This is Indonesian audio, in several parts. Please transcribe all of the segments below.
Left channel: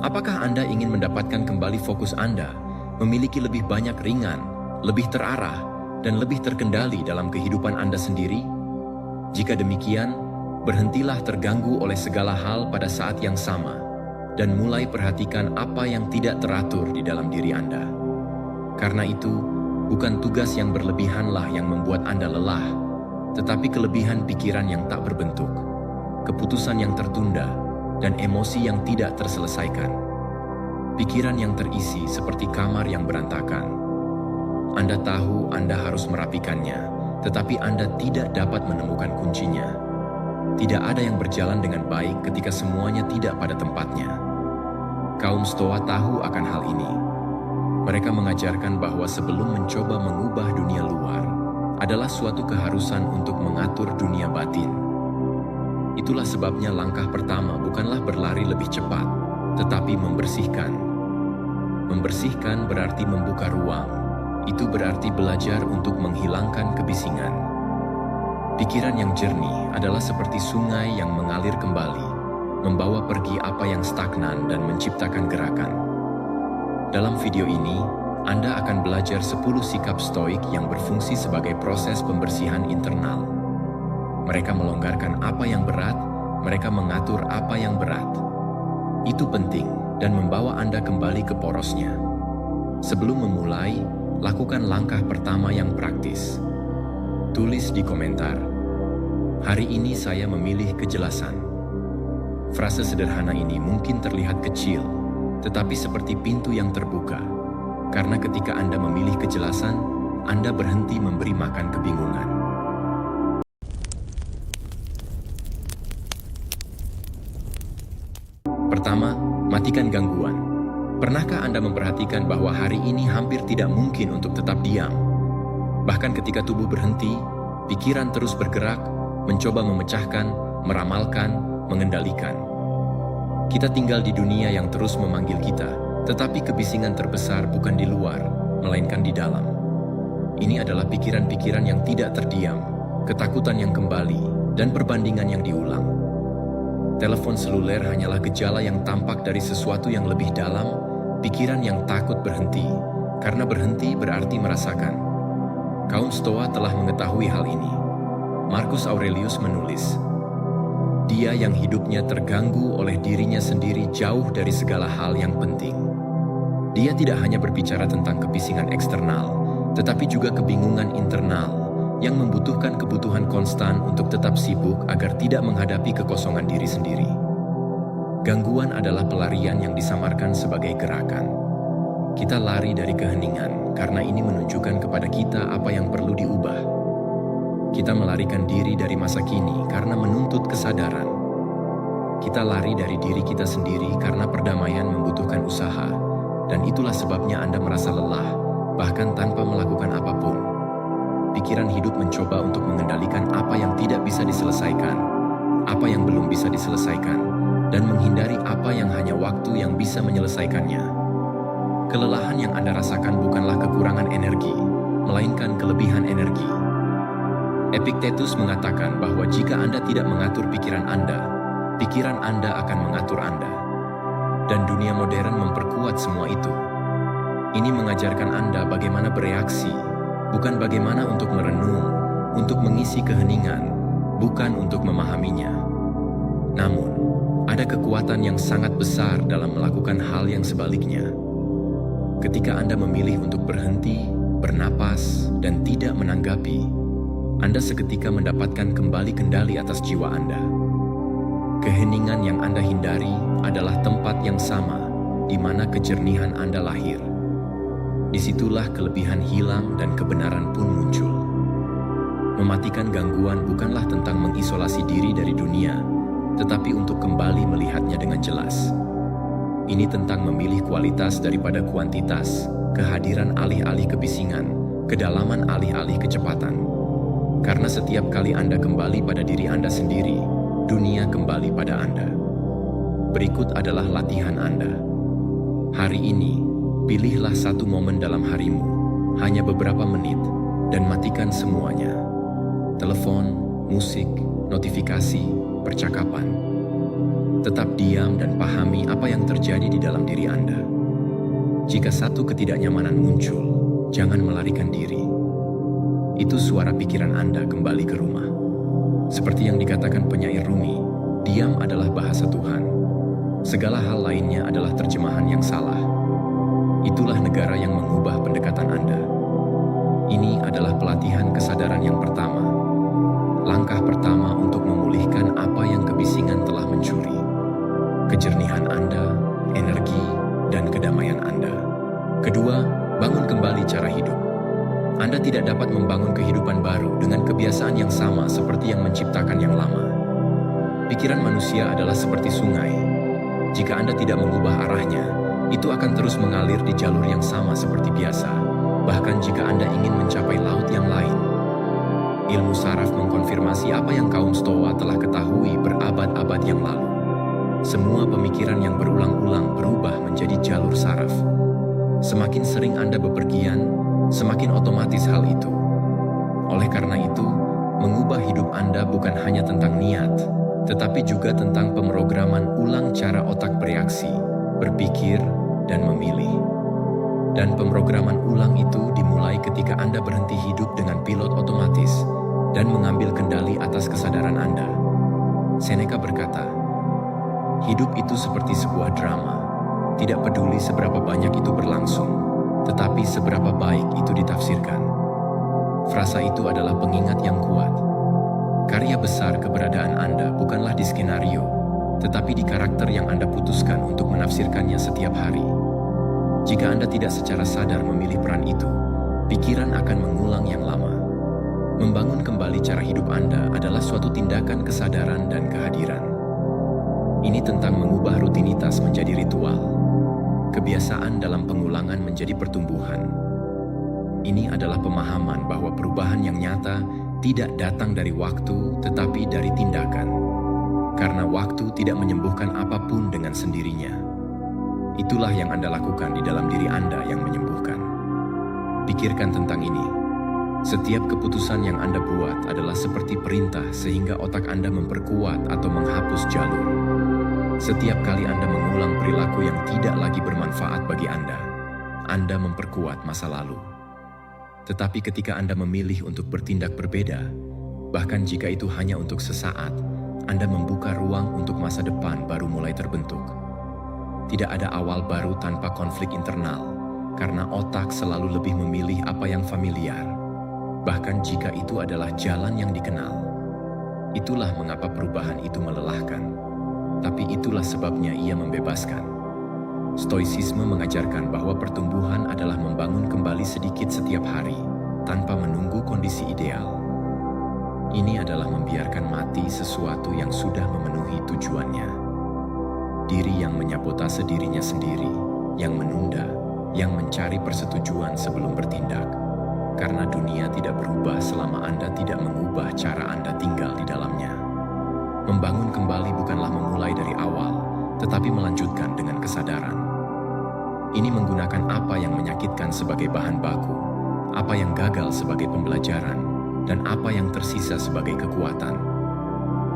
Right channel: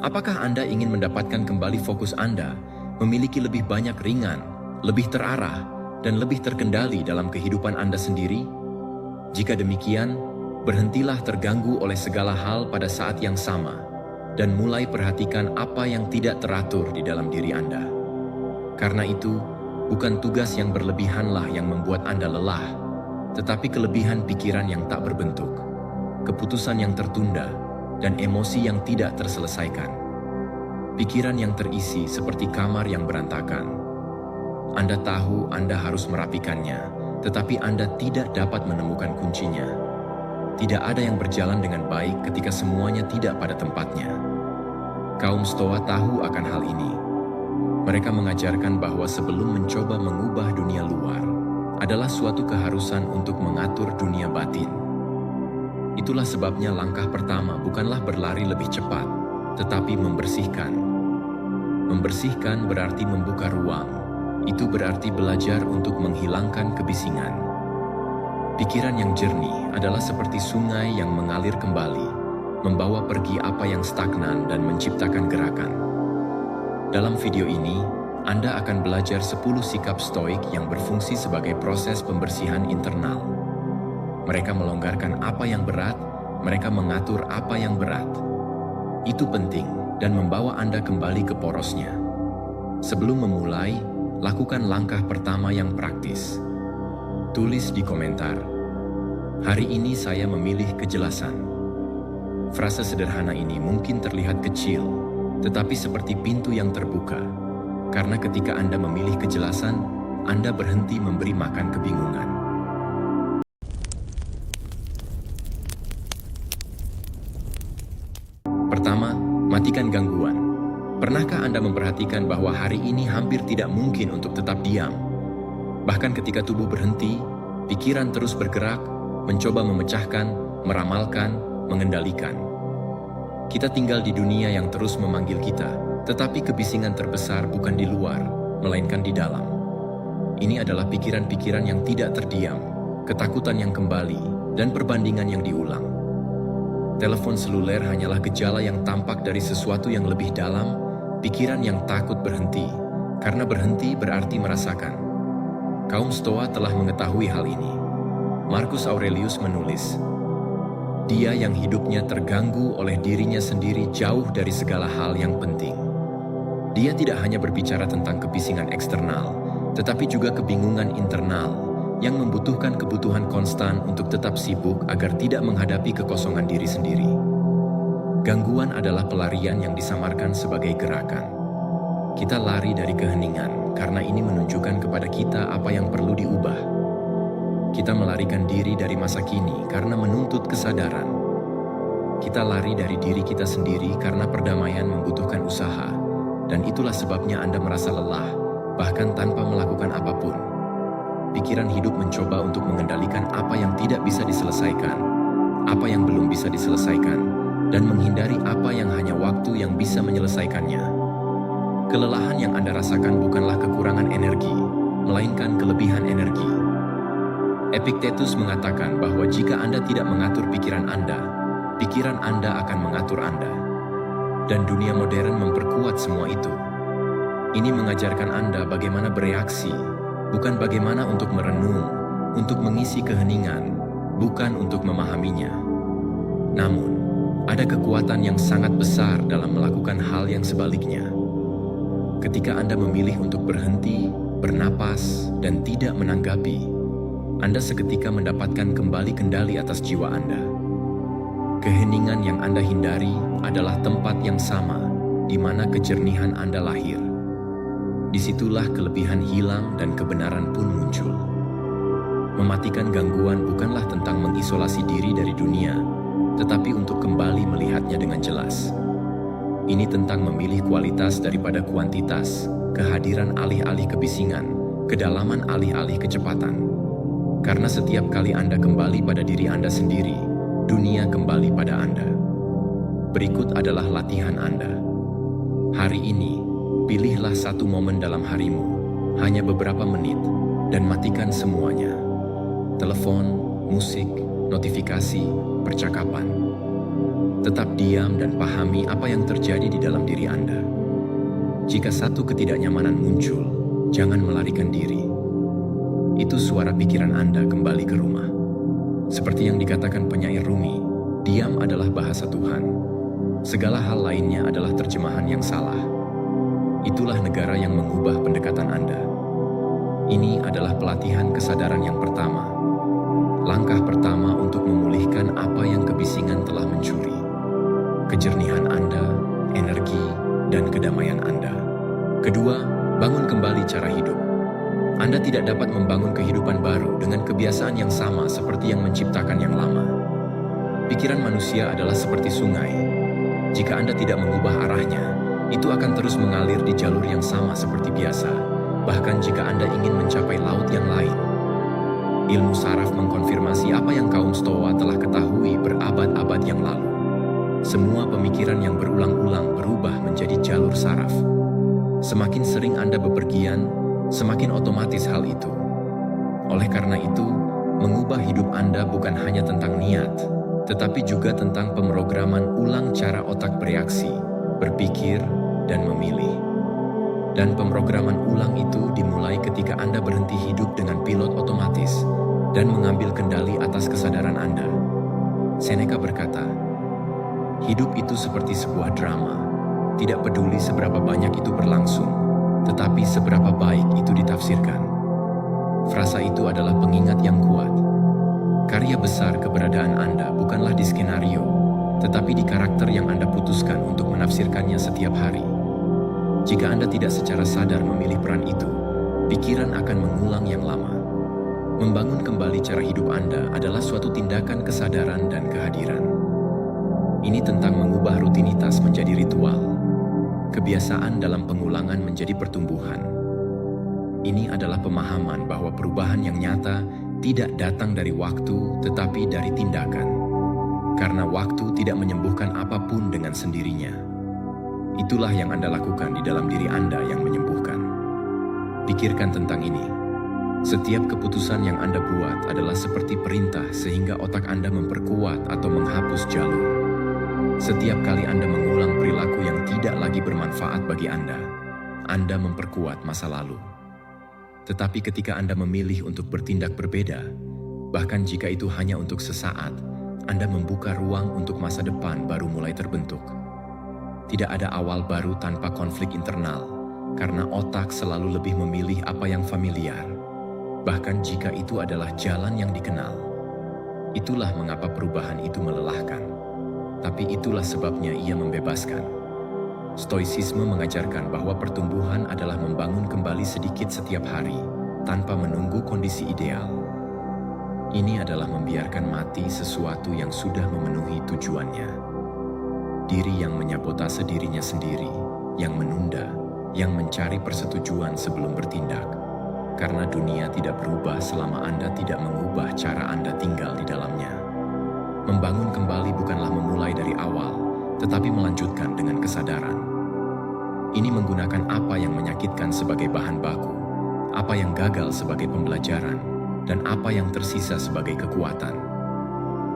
Apakah Anda ingin mendapatkan kembali fokus Anda, memiliki lebih banyak ringan, lebih terarah, dan lebih terkendali dalam kehidupan Anda sendiri? Jika demikian, berhentilah terganggu oleh segala hal pada saat yang sama, dan mulai perhatikan apa yang tidak teratur di dalam diri Anda. Karena itu, bukan tugas yang berlebihanlah yang membuat Anda lelah, tetapi kelebihan pikiran yang tak berbentuk, keputusan yang tertunda, dan emosi yang tidak terselesaikan. Pikiran yang terisi seperti kamar yang berantakan. Anda tahu Anda harus merapikannya, tetapi Anda tidak dapat menemukan kuncinya. Tidak ada yang berjalan dengan baik ketika semuanya tidak pada tempatnya. Kaum Stoa tahu akan hal ini. Mereka mengajarkan bahwa sebelum mencoba mengubah dunia luar, adalah suatu keharusan untuk mengatur dunia batin. Itulah sebabnya langkah pertama bukanlah berlari lebih cepat, tetapi membersihkan. Membersihkan berarti membuka ruang. Itu berarti belajar untuk menghilangkan kebisingan. Pikiran yang jernih adalah seperti sungai yang mengalir kembali, membawa pergi apa yang stagnan dan menciptakan gerakan. Dalam video ini, Anda akan belajar 10 sikap stoik yang berfungsi sebagai proses pembersihan internal. Mereka melonggarkan apa yang berat, mereka mengatur apa yang berat. Itu penting dan membawa Anda kembali ke porosnya. Sebelum memulai, lakukan langkah pertama yang praktis. Tulis di komentar, "Hari ini saya memilih kejelasan." Frase sederhana ini mungkin terlihat kecil, tetapi seperti pintu yang terbuka. Karena ketika Anda memilih kejelasan, Anda berhenti memberi makan kebingungan. Pertama, matikan gangguan. Pernahkah Anda memperhatikan bahwa hari ini hampir tidak mungkin untuk tetap diam? Bahkan ketika tubuh berhenti, pikiran terus bergerak, mencoba memecahkan, meramalkan, mengendalikan. Kita tinggal di dunia yang terus memanggil kita, tetapi kebisingan terbesar bukan di luar, melainkan di dalam. Ini adalah pikiran-pikiran yang tidak terdiam, ketakutan yang kembali, dan perbandingan yang diulang. Telepon seluler hanyalah gejala yang tampak dari sesuatu yang lebih dalam, pikiran yang takut berhenti, karena berhenti berarti merasakan. Kaum Stoa telah mengetahui hal ini. Marcus Aurelius menulis, "Dia yang hidupnya terganggu oleh dirinya sendiri jauh dari segala hal yang penting." Dia tidak hanya berbicara tentang kebisingan eksternal, tetapi juga kebingungan internal, yang membutuhkan kebutuhan konstan untuk tetap sibuk agar tidak menghadapi kekosongan diri sendiri. Gangguan adalah pelarian yang disamarkan sebagai gerakan. Kita lari dari keheningan karena ini menunjukkan kepada kita apa yang perlu diubah. Kita melarikan diri dari masa kini karena menuntut kesadaran. Kita lari dari diri kita sendiri karena perdamaian membutuhkan usaha, dan itulah sebabnya Anda merasa lelah, bahkan tanpa melakukan apapun. Pikiran hidup mencoba untuk mengendalikan apa yang tidak bisa diselesaikan, apa yang belum bisa diselesaikan, dan menghindari apa yang hanya waktu yang bisa menyelesaikannya. Kelelahan yang Anda rasakan bukanlah kekurangan energi, melainkan kelebihan energi. Epictetus mengatakan bahwa jika Anda tidak mengatur pikiran Anda akan mengatur Anda. Dan dunia modern memperkuat semua itu. Ini mengajarkan Anda bagaimana bereaksi, bukan bagaimana untuk merenung, untuk mengisi keheningan, bukan untuk memahaminya. Namun, ada kekuatan yang sangat besar dalam melakukan hal yang sebaliknya. Ketika Anda memilih untuk berhenti, bernapas, dan tidak menanggapi, Anda seketika mendapatkan kembali kendali atas jiwa Anda. Keheningan yang Anda hindari adalah tempat yang sama di mana kejernihan Anda lahir. Disitulah kelebihan hilang dan kebenaran pun muncul. Mematikan gangguan bukanlah tentang mengisolasi diri dari dunia, tetapi untuk kembali melihatnya dengan jelas. Ini tentang memilih kualitas daripada kuantitas, kehadiran alih-alih kebisingan, kedalaman alih-alih kecepatan. Karena setiap kali Anda kembali pada diri Anda sendiri, dunia kembali pada Anda. Berikut adalah latihan Anda. Hari ini, pilihlah satu momen dalam harimu, hanya beberapa menit, dan matikan semuanya. Telepon, musik, notifikasi, percakapan. Tetap diam dan pahami apa yang terjadi di dalam diri Anda. Jika satu ketidaknyamanan muncul, jangan melarikan diri. Itu suara pikiran Anda kembali ke rumah. Seperti yang dikatakan penyair Rumi, diam adalah bahasa Tuhan. Segala hal lainnya adalah terjemahan yang salah. Itulah negara yang mengubah pendekatan Anda. Ini adalah pelatihan kesadaran yang pertama. Langkah pertama untuk memulihkan apa yang kebisingan telah mencuri. Kejernihan Anda, energi, dan kedamaian Anda. Kedua, bangun kembali cara hidup. Anda tidak dapat membangun kehidupan baru dengan kebiasaan yang sama seperti yang menciptakan yang lama. Pikiran manusia adalah seperti sungai. Jika Anda tidak mengubah arahnya, itu akan terus mengalir di jalur yang sama seperti biasa, bahkan jika Anda ingin mencapai laut yang lain. Ilmu saraf mengkonfirmasi apa yang kaum Stoa telah ketahui berabad-abad yang lalu. Semua pemikiran yang berulang-ulang berubah menjadi jalur saraf. Semakin sering Anda bepergian, semakin otomatis hal itu. Oleh karena itu, mengubah hidup Anda bukan hanya tentang niat, tetapi juga tentang pemrograman ulang cara otak bereaksi, berpikir, dan memilih. Dan pemrograman ulang itu dimulai ketika Anda berhenti hidup dengan pilot otomatis dan mengambil kendali atas kesadaran Anda. Seneca berkata, hidup itu seperti sebuah drama, tidak peduli seberapa banyak itu berlangsung, tetapi seberapa baik itu ditafsirkan. Frasa itu adalah pengingat yang kuat. Karya besar keberadaan Anda bukanlah di skenario, tetapi di karakter yang Anda putuskan untuk menafsirkannya setiap hari. Jika Anda tidak secara sadar memilih peran itu, pikiran akan mengulang yang lama. Membangun kembali cara hidup Anda adalah suatu tindakan kesadaran dan kehadiran. Ini tentang mengubah rutinitas menjadi ritual. Kebiasaan dalam pengulangan menjadi pertumbuhan. Ini adalah pemahaman bahwa perubahan yang nyata tidak datang dari waktu, tetapi dari tindakan. Karena waktu tidak menyembuhkan apapun dengan sendirinya. Itulah yang Anda lakukan di dalam diri Anda yang menyembuhkan. Pikirkan tentang ini. Setiap keputusan yang Anda buat adalah seperti perintah sehingga otak Anda memperkuat atau menghapus jalur. Setiap kali Anda mengulang perilaku yang tidak lagi bermanfaat bagi Anda memperkuat masa lalu. Tetapi ketika Anda memilih untuk bertindak berbeda, bahkan jika itu hanya untuk sesaat, Anda membuka ruang untuk masa depan baru mulai terbentuk. Tidak ada awal baru tanpa konflik internal, karena otak selalu lebih memilih apa yang familiar, bahkan jika itu adalah jalan yang dikenal. Itulah mengapa perubahan itu melelahkan. Tapi itulah sebabnya ia membebaskan. Stoicisme mengajarkan bahwa pertumbuhan adalah membangun kembali sedikit setiap hari, tanpa menunggu kondisi ideal. Ini adalah membiarkan mati sesuatu yang sudah memenuhi tujuannya. Diri yang menyabotase dirinya sendiri, yang menunda, yang mencari persetujuan sebelum bertindak. Karena dunia tidak berubah selama Anda tidak mengubah cara Anda tinggal di dalamnya. Membangun kembali bukanlah memulai dari awal, tetapi melanjutkan dengan kesadaran. Ini menggunakan apa yang menyakitkan sebagai bahan baku, apa yang gagal sebagai pembelajaran, dan apa yang tersisa sebagai kekuatan.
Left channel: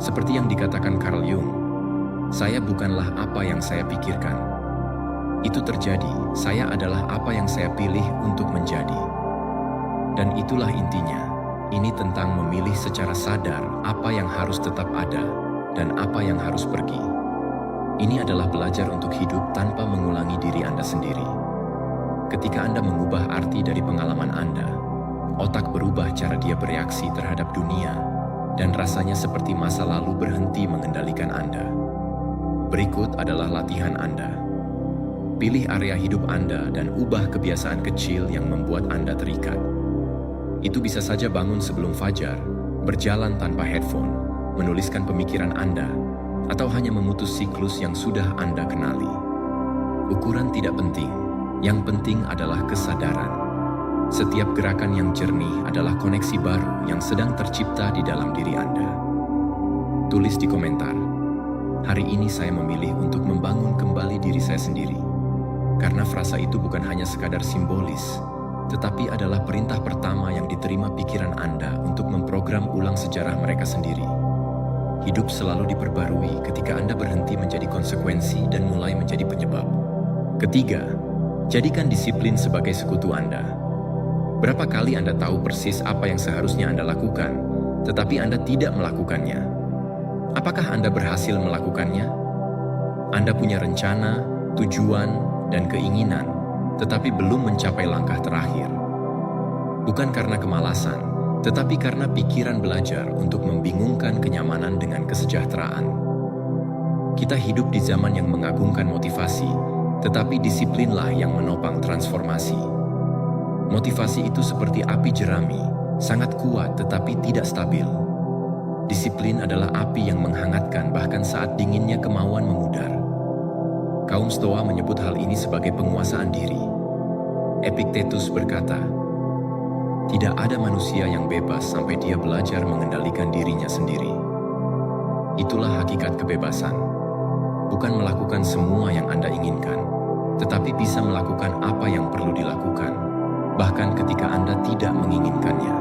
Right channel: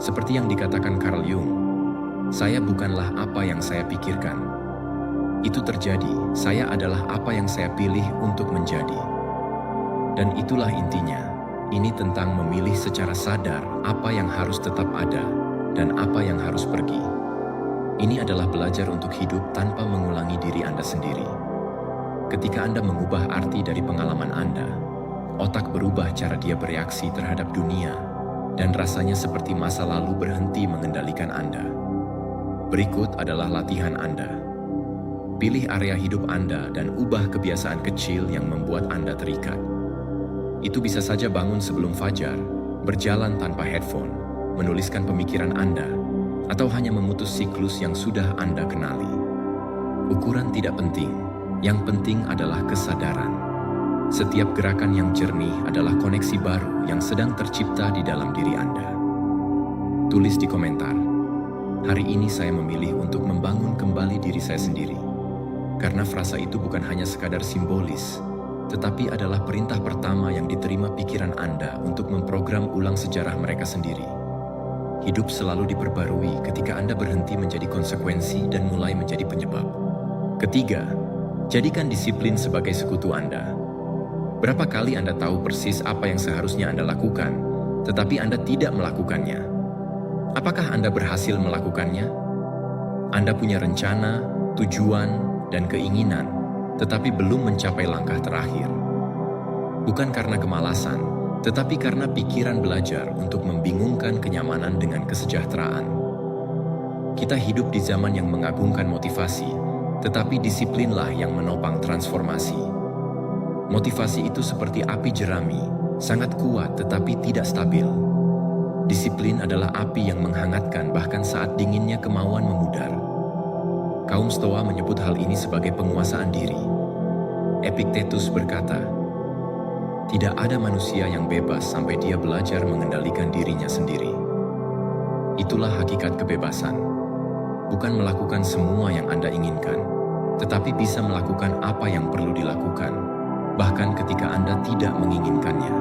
Seperti yang dikatakan Carl Jung, saya bukanlah apa yang saya pikirkan. Itu terjadi, saya adalah apa yang saya pilih untuk menjadi. Dan itulah intinya. Ini tentang memilih secara sadar apa yang harus tetap ada dan apa yang harus pergi. Ini adalah belajar untuk hidup tanpa mengulangi diri Anda sendiri. Ketika Anda mengubah arti dari pengalaman Anda, otak berubah cara dia bereaksi terhadap dunia, dan rasanya seperti masa lalu berhenti mengendalikan Anda. Berikut adalah latihan Anda. Pilih area hidup Anda dan ubah kebiasaan kecil yang membuat Anda terikat. Itu bisa saja bangun sebelum fajar, berjalan tanpa headphone, menuliskan pemikiran Anda, atau hanya memutus siklus yang sudah Anda kenali. Ukuran tidak penting, yang penting adalah kesadaran. Setiap gerakan yang jernih adalah koneksi baru yang sedang tercipta di dalam diri Anda. Tulis di komentar, hari ini saya memilih untuk membangun kembali diri saya sendiri. Karena frasa itu bukan hanya sekadar simbolis, tetapi adalah perintah pertama yang diterima pikiran Anda untuk memprogram ulang sejarah mereka sendiri. Hidup selalu diperbarui ketika Anda berhenti menjadi konsekuensi dan mulai menjadi penyebab. Ketiga, jadikan disiplin sebagai sekutu Anda. Berapa kali Anda tahu persis apa yang seharusnya Anda lakukan, tetapi Anda tidak melakukannya? Apakah Anda berhasil melakukannya? Anda punya rencana, tujuan, dan keinginan, tetapi belum mencapai langkah terakhir. Bukan karena kemalasan, tetapi karena pikiran belajar untuk membingungkan kenyamanan dengan kesejahteraan. Kita hidup di zaman yang mengagungkan motivasi, tetapi disiplinlah yang menopang transformasi. Motivasi itu seperti api jerami, sangat kuat tetapi tidak stabil. Disiplin adalah api yang menghangatkan bahkan saat dinginnya kemauan memudar. Kaum Stoa menyebut hal ini sebagai penguasaan diri. Epictetus berkata, "Tidak ada manusia yang bebas sampai dia belajar mengendalikan dirinya sendiri." Itulah hakikat kebebasan. Bukan melakukan semua yang Anda inginkan, tetapi bisa melakukan apa yang perlu dilakukan, bahkan ketika Anda tidak menginginkannya.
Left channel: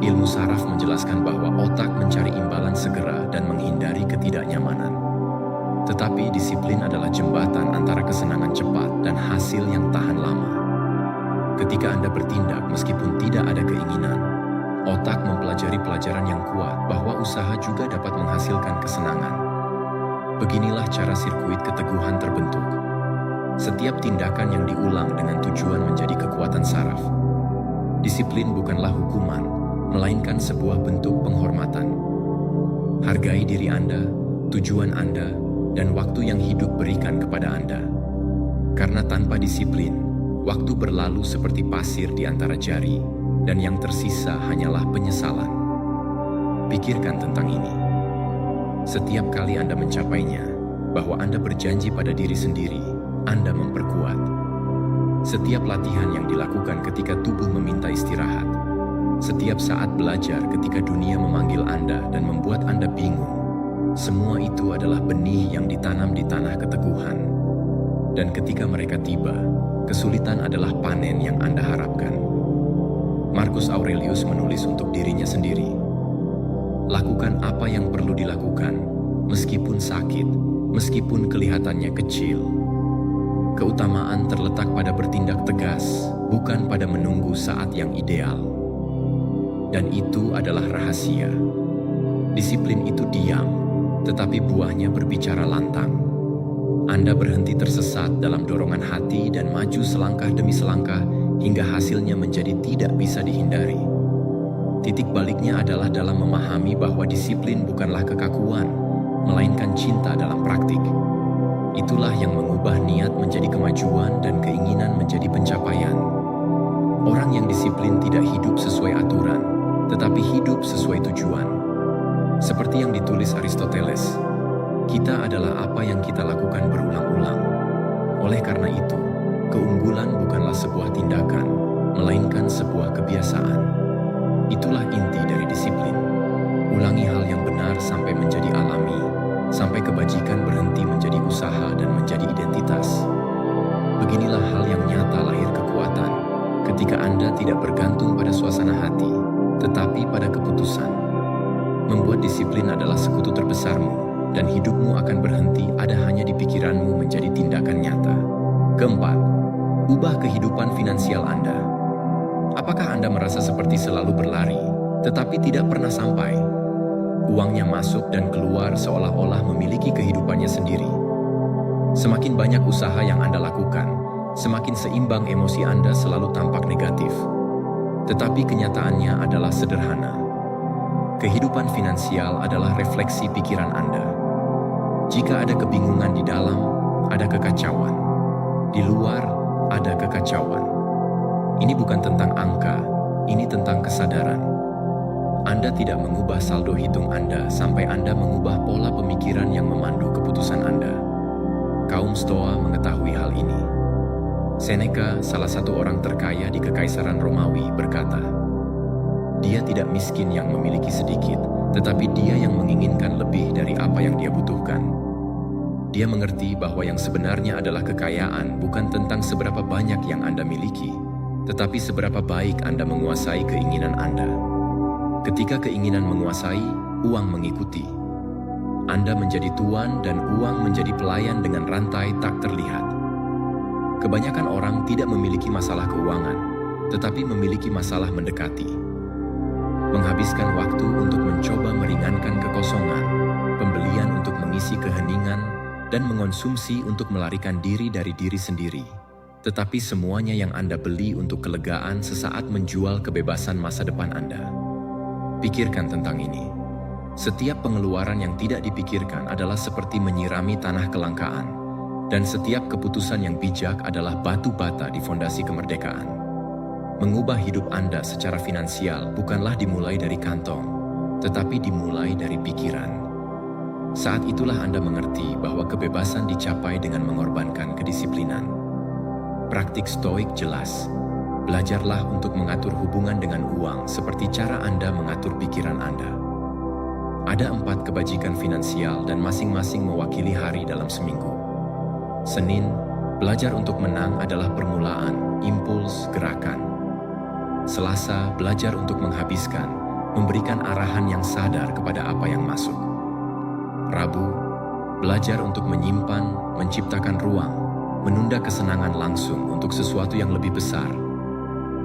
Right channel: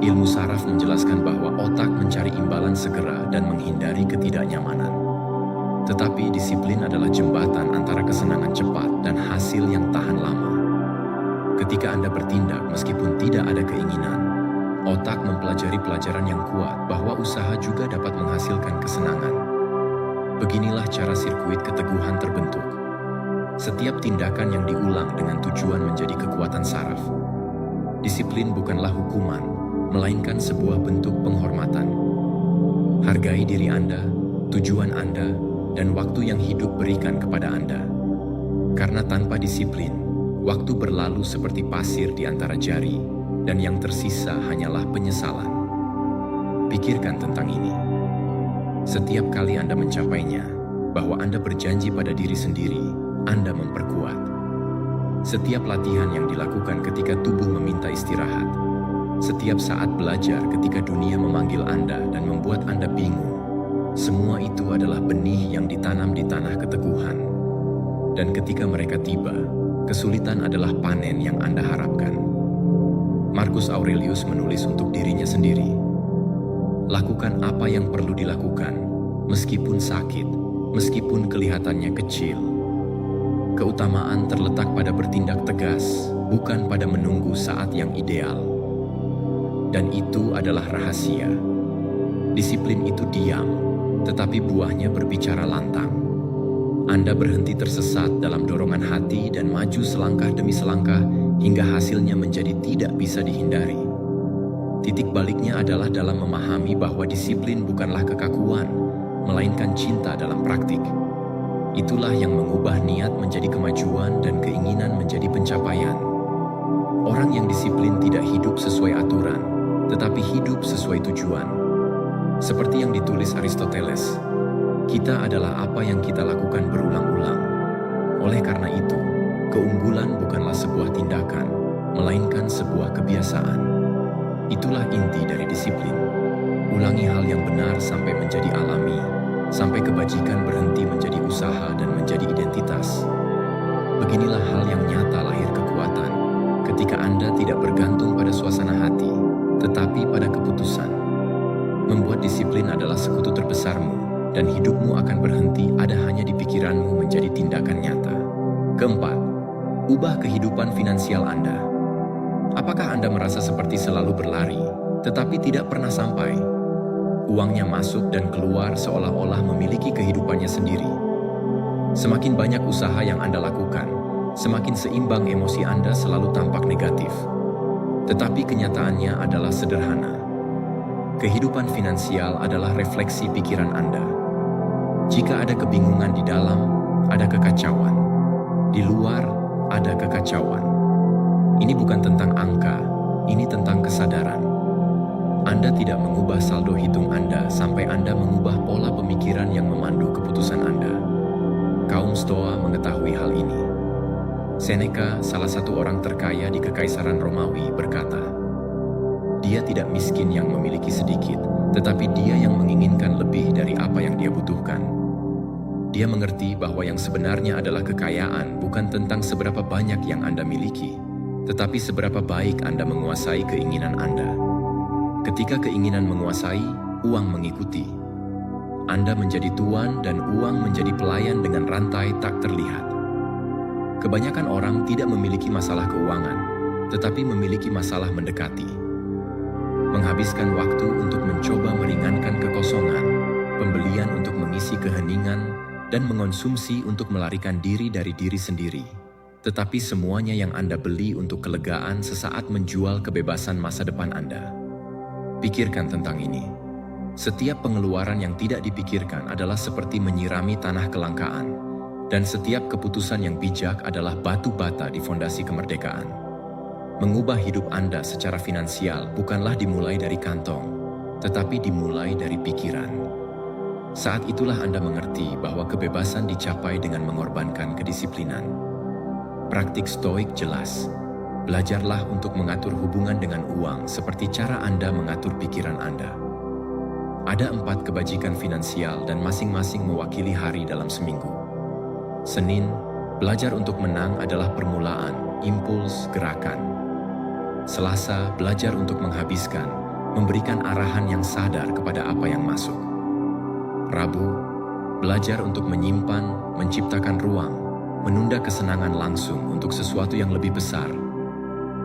Ilmu saraf menjelaskan bahwa otak mencari imbalan segera dan menghindari ketidaknyamanan. Tetapi disiplin adalah jembatan antara kesenangan cepat dan hasil yang tahan lama. Ketika Anda bertindak meskipun tidak ada keinginan, otak mempelajari pelajaran yang kuat bahwa usaha juga dapat menghasilkan kesenangan. Beginilah cara sirkuit keteguhan terbentuk. Setiap tindakan yang diulang dengan tujuan menjadi kekuatan saraf. Disiplin bukanlah hukuman, melainkan sebuah bentuk penghormatan. Hargai diri Anda, tujuan Anda, dan waktu yang hidup berikan kepada Anda. Karena tanpa disiplin, waktu berlalu seperti pasir di antara jari, dan yang tersisa hanyalah penyesalan. Pikirkan tentang ini. Setiap kali Anda mencapainya, bahwa Anda berjanji pada diri sendiri, Anda memperkuat. Setiap latihan yang dilakukan ketika tubuh meminta istirahat, setiap saat belajar ketika dunia memanggil Anda dan membuat Anda bingung, semua itu adalah benih yang ditanam di tanah keteguhan. Dan ketika mereka tiba, kesulitan adalah panen yang Anda harapkan. Marcus Aurelius menulis untuk dirinya sendiri, "Lakukan apa yang perlu dilakukan, meskipun sakit, meskipun kelihatannya kecil." Keutamaan terletak pada bertindak tegas, bukan pada menunggu saat yang ideal. Dan itu adalah rahasia. Disiplin itu diam, tetapi buahnya berbicara lantang. Anda berhenti tersesat dalam dorongan hati dan maju selangkah demi selangkah hingga hasilnya menjadi tidak bisa dihindari. Titik baliknya adalah dalam memahami bahwa disiplin bukanlah kekakuan, melainkan cinta dalam praktik. Itulah yang mengubah niat menjadi kemajuan dan keinginan menjadi pencapaian. Orang yang disiplin tidak hidup sesuai aturan, tetapi hidup sesuai tujuan. Seperti yang ditulis Aristoteles, kita adalah apa yang kita lakukan berulang-ulang. Oleh karena itu, keunggulan bukanlah sebuah tindakan, melainkan sebuah kebiasaan. Itulah inti dari disiplin. Ulangi hal yang benar sampai menjadi alami, sampai kebajikan berhenti menjadi usaha dan menjadi identitas. Beginilah hal yang nyata lahir kekuatan, ketika Anda tidak bergantung pada suasana hati, tetapi pada keputusan. Membuat disiplin adalah sekutu terbesarmu, dan hidupmu akan berhenti ada hanya di pikiranmu menjadi tindakan nyata. Keempat, ubah kehidupan finansial Anda. Apakah Anda merasa seperti selalu berlari, tetapi tidak pernah sampai? Uangnya masuk dan keluar seolah-olah memiliki kehidupannya sendiri. Semakin banyak usaha yang Anda lakukan, semakin seimbang emosi Anda selalu tampak negatif. Tetapi kenyataannya adalah sederhana. Kehidupan finansial adalah refleksi pikiran Anda. Jika ada kebingungan di dalam, ada kekacauan. Di luar, ada kekacauan. Ini bukan tentang angka, ini tentang kesadaran. Anda tidak mengubah saldo hitung Anda sampai Anda mengubah pola pemikiran yang memandu keputusan Anda. Kaum Stoa mengetahui hal ini. Seneca, salah satu orang terkaya di Kekaisaran Romawi, berkata, "Dia tidak miskin yang memiliki sedikit, tetapi dia yang menginginkan lebih dari apa yang dia butuhkan." Dia mengerti bahwa yang sebenarnya adalah kekayaan bukan tentang seberapa banyak yang Anda miliki, tetapi seberapa baik Anda menguasai keinginan Anda. Ketika keinginan menguasai, uang mengikuti. Anda menjadi tuan dan uang menjadi pelayan dengan rantai tak terlihat. Kebanyakan orang tidak memiliki masalah keuangan, tetapi memiliki masalah mendekati. Menghabiskan waktu untuk mencoba meringankan kekosongan, pembelian untuk mengisi keheningan, dan mengonsumsi untuk melarikan diri dari diri sendiri. Tetapi semuanya yang Anda beli untuk kelegaan sesaat menjual kebebasan masa depan Anda. Pikirkan tentang ini. Setiap pengeluaran yang tidak dipikirkan adalah seperti menyirami tanah kelangkaan, dan setiap keputusan yang bijak adalah batu bata di fondasi kemerdekaan. Mengubah hidup Anda secara finansial bukanlah dimulai dari kantong, tetapi dimulai dari pikiran. Saat itulah Anda mengerti bahwa kebebasan dicapai dengan mengorbankan kedisiplinan. Praktik stoik jelas. Belajarlah untuk mengatur hubungan dengan uang seperti cara Anda mengatur pikiran Anda. Ada 4 kebajikan finansial dan masing-masing mewakili hari dalam seminggu. Senin, belajar untuk menang adalah permulaan, impuls, gerakan. Selasa, belajar untuk menghabiskan, memberikan arahan yang sadar kepada apa yang masuk. Rabu, belajar untuk menyimpan, menciptakan ruang, menunda kesenangan langsung untuk sesuatu yang lebih besar.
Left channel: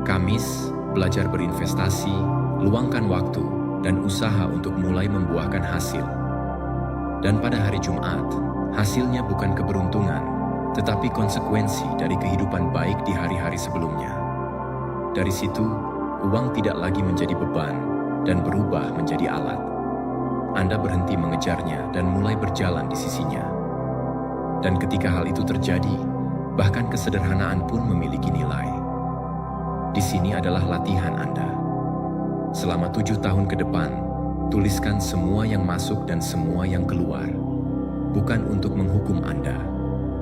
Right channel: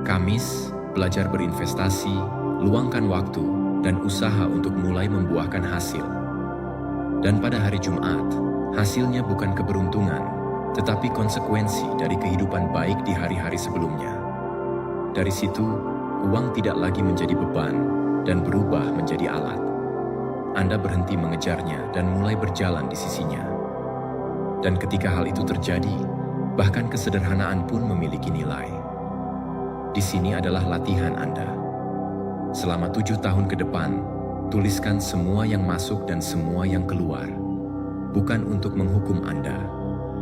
Kamis, belajar berinvestasi, luangkan waktu, dan usaha untuk mulai membuahkan hasil. Dan pada hari Jumat, hasilnya bukan keberuntungan, tetapi konsekuensi dari kehidupan baik di hari-hari sebelumnya. Dari situ, uang tidak lagi menjadi beban dan berubah menjadi alat. Anda berhenti mengejarnya dan mulai berjalan di sisinya. Dan ketika hal itu terjadi, bahkan kesederhanaan pun memiliki nilai. Di sini adalah latihan Anda. Selama 7 tahun ke depan, tuliskan semua yang masuk dan semua yang keluar. Bukan untuk menghukum Anda,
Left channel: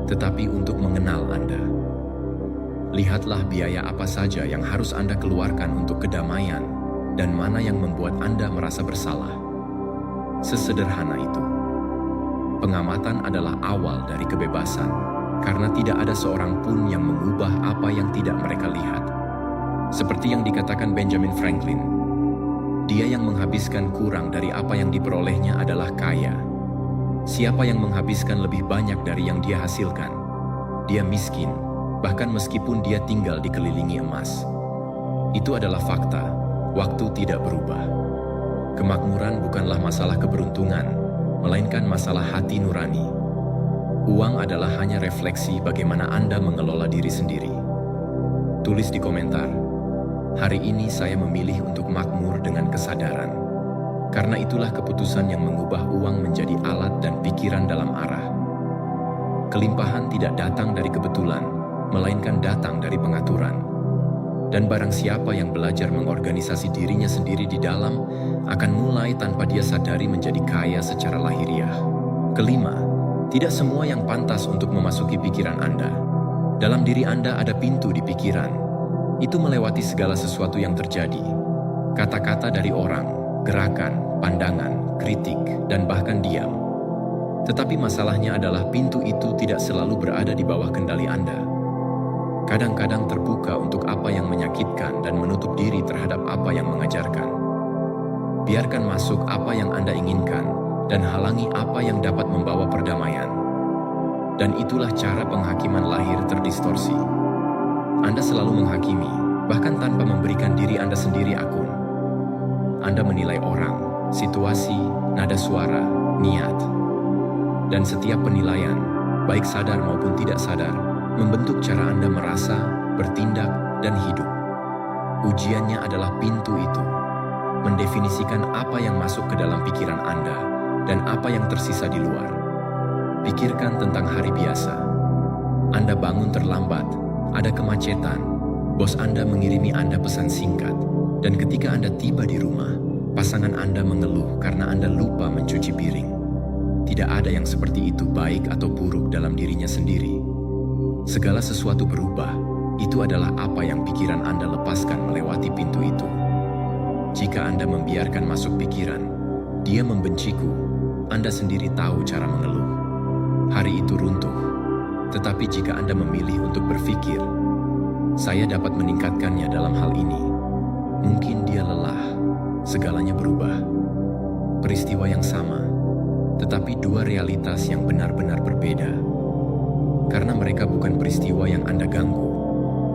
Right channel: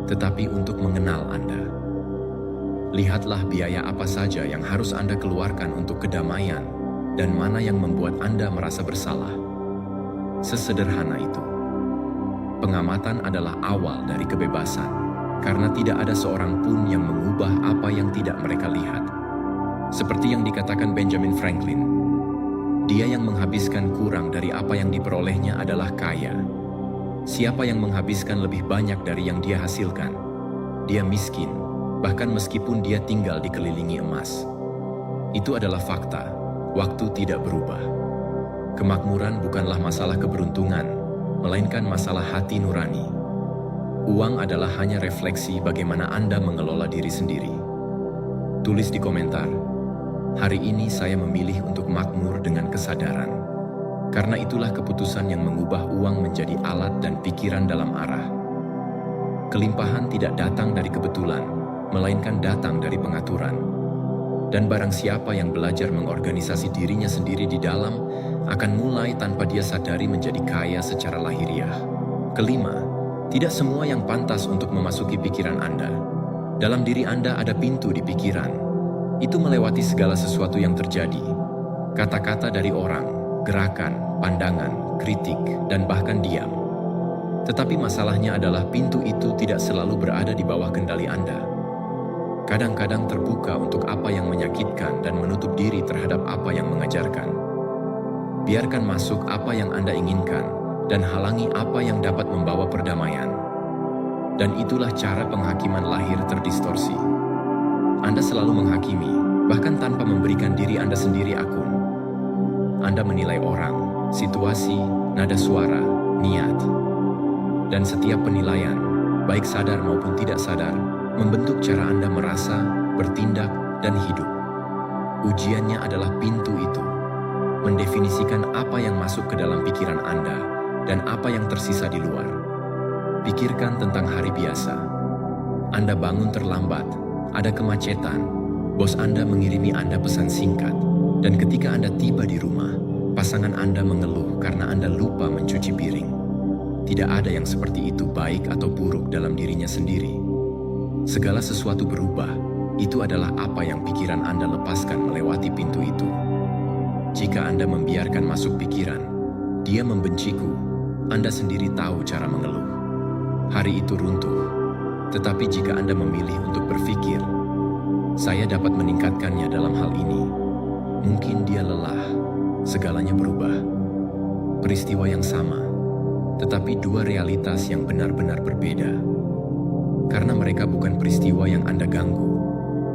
tetapi untuk mengenal Anda. Lihatlah biaya apa saja yang harus Anda keluarkan untuk kedamaian dan mana yang membuat Anda merasa bersalah. Sesederhana itu. Pengamatan adalah awal dari kebebasan, karena tidak ada seorang pun yang mengubah apa yang tidak mereka lihat. Seperti yang dikatakan Benjamin Franklin, dia yang menghabiskan kurang dari apa yang diperolehnya adalah kaya. Siapa yang menghabiskan lebih banyak dari yang dia hasilkan, dia miskin, bahkan meskipun dia tinggal dikelilingi emas. Itu adalah fakta, waktu tidak berubah. Kemakmuran bukanlah masalah keberuntungan, melainkan masalah hati nurani. Uang adalah hanya refleksi bagaimana Anda mengelola diri sendiri. Tulis di komentar, hari ini saya memilih untuk makmur dengan kesadaran. Karena itulah keputusan yang mengubah uang menjadi alat dan pikiran dalam arah. Kelimpahan tidak datang dari kebetulan, melainkan datang dari pengaturan. Dan barang siapa yang belajar mengorganisasi dirinya sendiri di dalam, akan mulai tanpa dia sadari menjadi kaya secara lahiriah. Kelima, tidak semua yang pantas untuk memasuki pikiran Anda. Dalam diri Anda ada pintu di pikiran. Itu melewati segala sesuatu yang terjadi. Kata-kata dari orang, gerakan, pandangan, kritik, dan bahkan diam. Tetapi masalahnya adalah pintu itu tidak selalu berada di bawah kendali Anda. Kadang-kadang terbuka untuk apa yang menyakitkan dan menutup diri terhadap apa yang mengajarkan. Biarkan masuk apa yang Anda inginkan dan halangi apa yang dapat membawa perdamaian. Dan itulah cara penghakiman lahir terdistorsi. Anda selalu menghakimi, bahkan tanpa memberikan diri Anda sendiri akun. Anda menilai orang, situasi, nada suara, niat. Dan setiap penilaian, baik sadar maupun tidak sadar, membentuk cara Anda merasa, bertindak, dan hidup. Ujiannya adalah pintu itu, mendefinisikan apa yang masuk ke dalam pikiran Anda dan apa yang tersisa di luar. Pikirkan tentang hari biasa. Anda bangun terlambat, ada kemacetan, bos Anda mengirimi Anda pesan singkat, dan ketika Anda tiba di rumah, pasangan Anda mengeluh karena Anda lupa mencuci piring. Tidak ada yang seperti itu baik atau buruk dalam dirinya sendiri. Segala sesuatu berubah, itu adalah apa yang pikiran Anda lepaskan melewati pintu itu. Jika Anda membiarkan masuk pikiran, dia membenciku, Anda sendiri tahu cara mengeluh. Hari itu runtuh. Tetapi jika Anda memilih untuk berpikir, saya dapat meningkatkannya dalam hal ini. Mungkin dia lelah, segalanya berubah. Peristiwa yang sama, tetapi dua realitas yang benar-benar berbeda. Karena mereka bukan peristiwa yang Anda ganggu,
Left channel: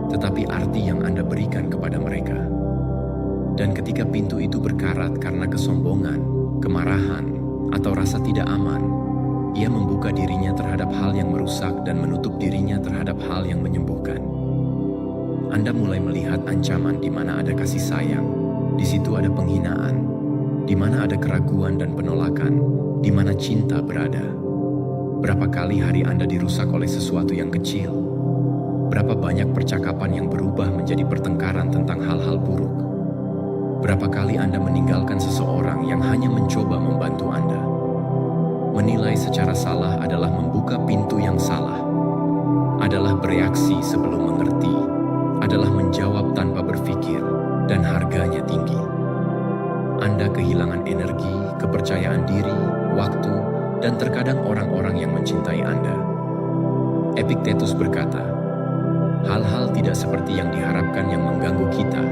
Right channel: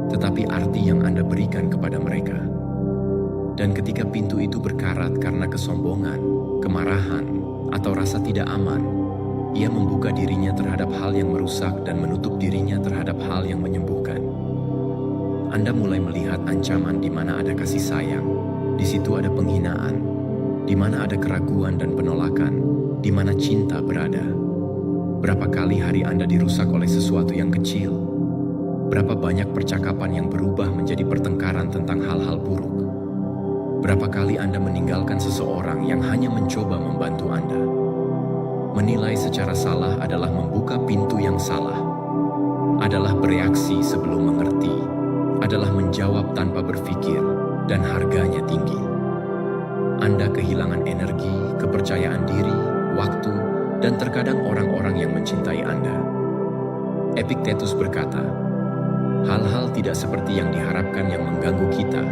tetapi arti yang Anda berikan kepada mereka. Dan ketika pintu itu berkarat karena kesombongan, kemarahan, atau rasa tidak aman, ia membuka dirinya terhadap hal yang merusak dan menutup dirinya terhadap hal yang menyembuhkan. Anda mulai melihat ancaman di mana ada kasih sayang, di situ ada penghinaan, di mana ada keraguan dan penolakan, di mana cinta berada. Berapa kali hari Anda dirusak oleh sesuatu yang kecil? Berapa banyak percakapan yang berubah menjadi pertengkaran tentang hal-hal buruk? Berapa kali Anda meninggalkan seseorang yang hanya mencoba membantu Anda? Menilai secara salah adalah membuka pintu yang salah, adalah bereaksi sebelum mengerti, adalah menjawab tanpa berpikir, dan harganya tinggi. Anda kehilangan energi, kepercayaan diri, waktu, dan terkadang orang-orang yang mencintai Anda. Epictetus berkata, hal-hal tidak seperti yang diharapkan yang mengganggu kita,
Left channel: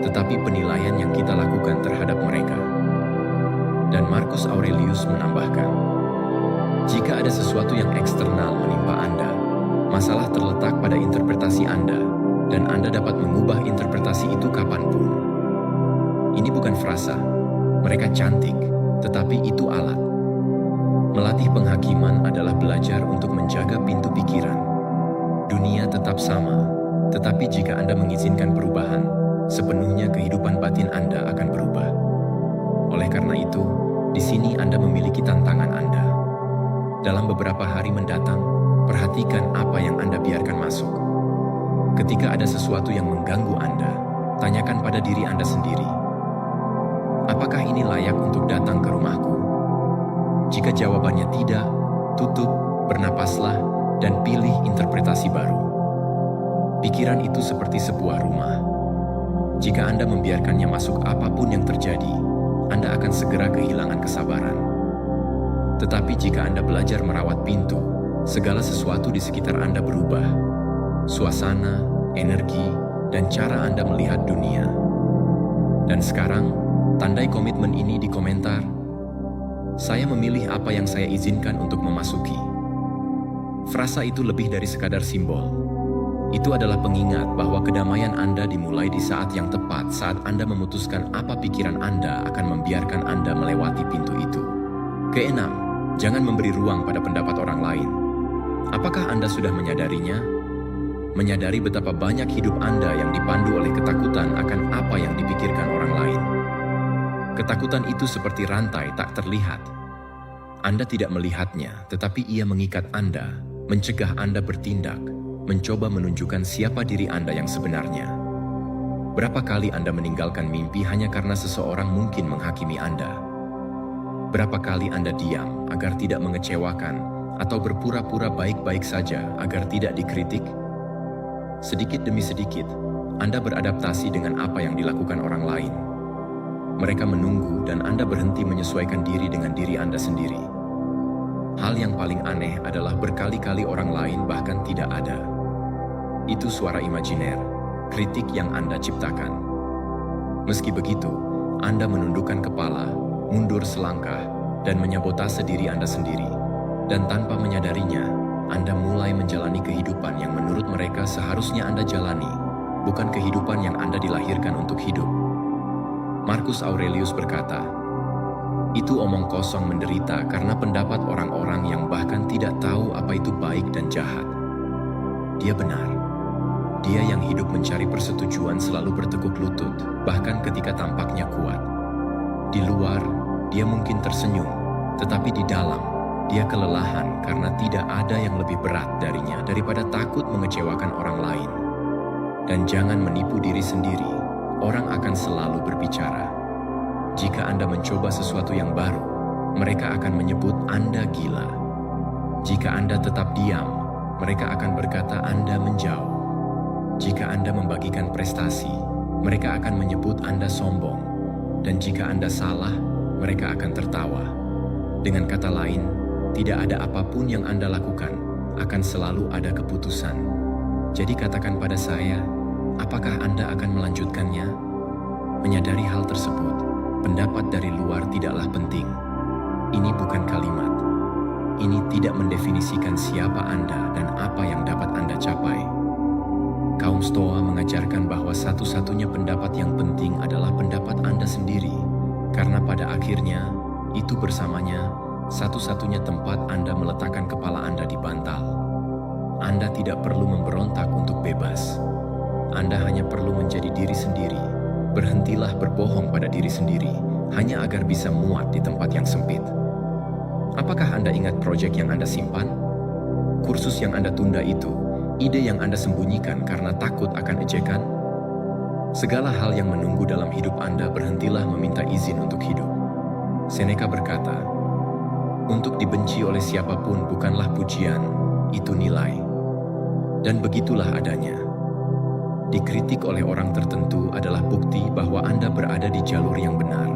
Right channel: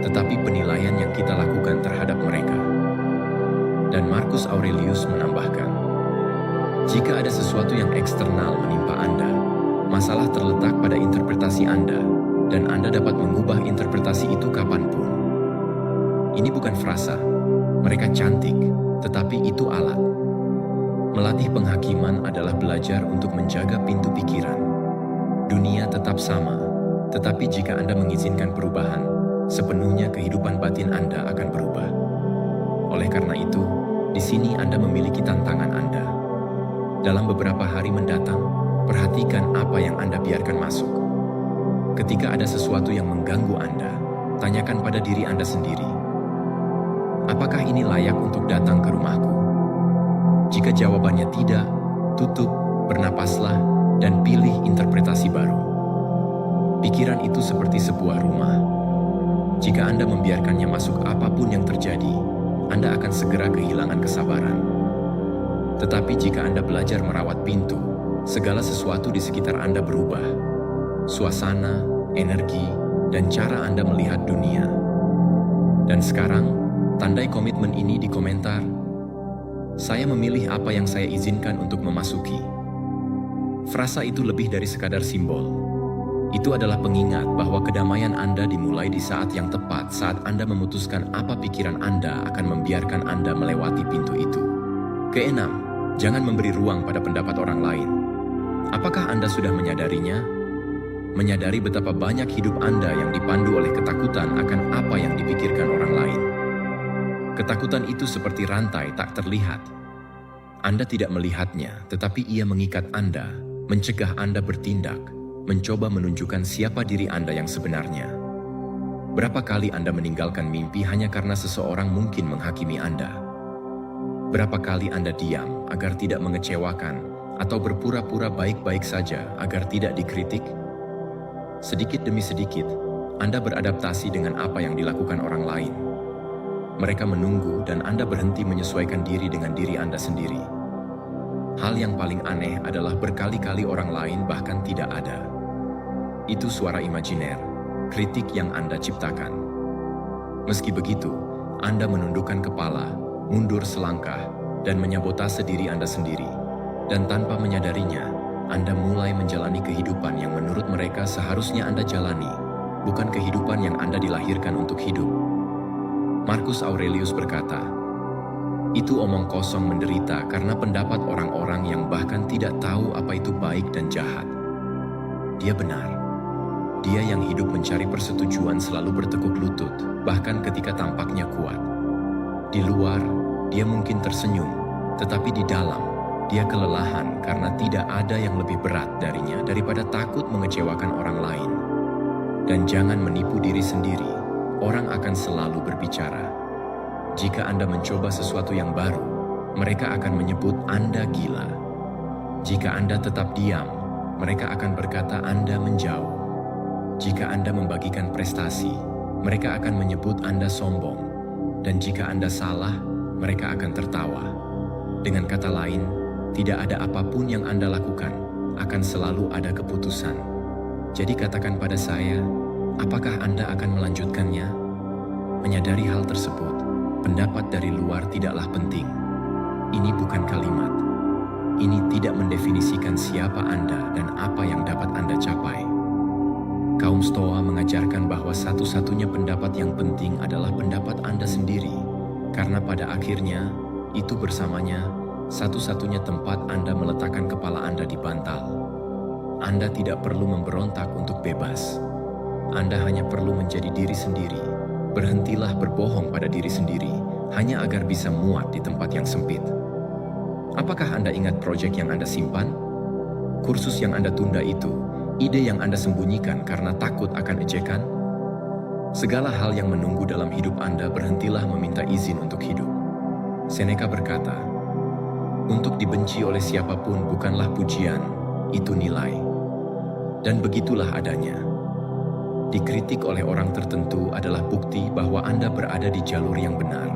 tetapi penilaian yang kita lakukan terhadap mereka. Dan Marcus Aurelius menambahkan, jika ada sesuatu yang eksternal menimpa Anda, masalah terletak pada interpretasi Anda, dan Anda dapat mengubah interpretasi itu kapanpun. Ini bukan frasa, mereka cantik, tetapi itu alat. Melatih penghakiman adalah belajar untuk menjaga pintu pikiran. Dunia tetap sama, tetapi jika Anda mengizinkan perubahan, sepenuhnya kehidupan batin Anda akan berubah. Oleh karena itu, di sini Anda memiliki tantangan Anda. Dalam beberapa hari mendatang, perhatikan apa yang Anda biarkan masuk. Ketika ada sesuatu yang mengganggu Anda, tanyakan pada diri Anda sendiri, apakah ini layak untuk datang ke rumahku? Jika jawabannya tidak, tutup, bernapaslah, dan pilih interpretasi baru. Pikiran itu seperti sebuah rumah. Jika Anda membiarkannya masuk apapun yang terjadi, Anda akan segera kehilangan kesabaran. Tetapi jika Anda belajar merawat pintu, segala sesuatu di sekitar Anda berubah. Suasana, energi, dan cara Anda melihat dunia. Dan sekarang, tandai komitmen ini di komentar. Saya memilih apa yang saya izinkan untuk memasuki. Frasa itu lebih dari sekadar simbol. Itu adalah pengingat bahwa kedamaian Anda dimulai di saat yang tepat saat Anda memutuskan apa pikiran Anda akan membiarkan Anda melewati pintu itu. Keenam, jangan memberi ruang pada pendapat orang lain. Apakah Anda sudah menyadarinya? Menyadari betapa banyak hidup Anda yang dipandu oleh ketakutan akan apa yang dipikirkan orang lain. Ketakutan itu seperti rantai tak terlihat. Anda tidak melihatnya, tetapi ia mengikat Anda, mencegah Anda bertindak, mencoba menunjukkan siapa diri Anda yang sebenarnya. Berapa kali Anda meninggalkan mimpi hanya karena seseorang mungkin menghakimi Anda? Berapa kali Anda diam agar tidak mengecewakan atau berpura-pura baik-baik saja agar tidak dikritik? Sedikit demi sedikit, Anda beradaptasi dengan apa yang dilakukan orang lain. Mereka menunggu dan Anda berhenti menyesuaikan diri dengan diri Anda sendiri. Hal yang paling aneh adalah berkali-kali orang lain bahkan tidak ada. Itu suara imajiner, kritik yang Anda ciptakan. Meski begitu, Anda menundukkan kepala, mundur selangkah, dan menyabotase diri Anda sendiri. Dan tanpa menyadarinya, Anda mulai menjalani kehidupan yang menurut mereka seharusnya Anda jalani, bukan kehidupan yang Anda dilahirkan untuk hidup. Marcus Aurelius berkata, itu omong kosong menderita karena pendapat orang-orang yang bahkan tidak tahu apa itu baik dan jahat. Dia benar. Dia yang hidup mencari persetujuan selalu bertekuk lutut, bahkan ketika tampaknya kuat. Di luar, dia mungkin tersenyum, tetapi di dalam, dia kelelahan karena tidak ada yang lebih berat darinya daripada takut mengecewakan orang lain. Dan jangan menipu diri sendiri. Orang akan selalu berbicara. Jika Anda mencoba sesuatu yang baru, mereka akan menyebut Anda gila. Jika Anda tetap diam, mereka akan berkata Anda menjauh. Jika Anda membagikan prestasi, mereka akan menyebut Anda sombong. Dan jika Anda salah, mereka akan tertawa. Dengan kata lain, tidak ada apapun yang Anda lakukan, akan selalu ada keputusan. Jadi katakan pada saya, apakah Anda akan melanjutkannya? Menyadari hal tersebut, pendapat dari luar tidaklah penting. Ini bukan kalimat. Ini tidak mendefinisikan siapa Anda dan apa yang dapat Anda capai. Kaum Stoa mengajarkan bahwa satu-satunya pendapat yang penting adalah pendapat Anda sendiri, karena pada akhirnya, itu bersamanya, satu-satunya tempat Anda meletakkan kepala Anda di bantal. Anda tidak perlu memberontak untuk bebas. Anda hanya perlu menjadi diri sendiri. Berhentilah berbohong pada diri sendiri, hanya agar bisa muat di tempat yang sempit. Apakah Anda ingat proyek yang Anda simpan? Kursus yang Anda tunda itu? Ide yang Anda sembunyikan karena takut akan ejekan? Segala hal yang menunggu dalam hidup Anda, berhentilah meminta izin untuk hidup. Seneca berkata, untuk dibenci oleh siapapun bukanlah pujian, itu nilai. Dan begitulah adanya. Dikritik oleh orang tertentu adalah bukti bahwa Anda berada di jalur yang benar.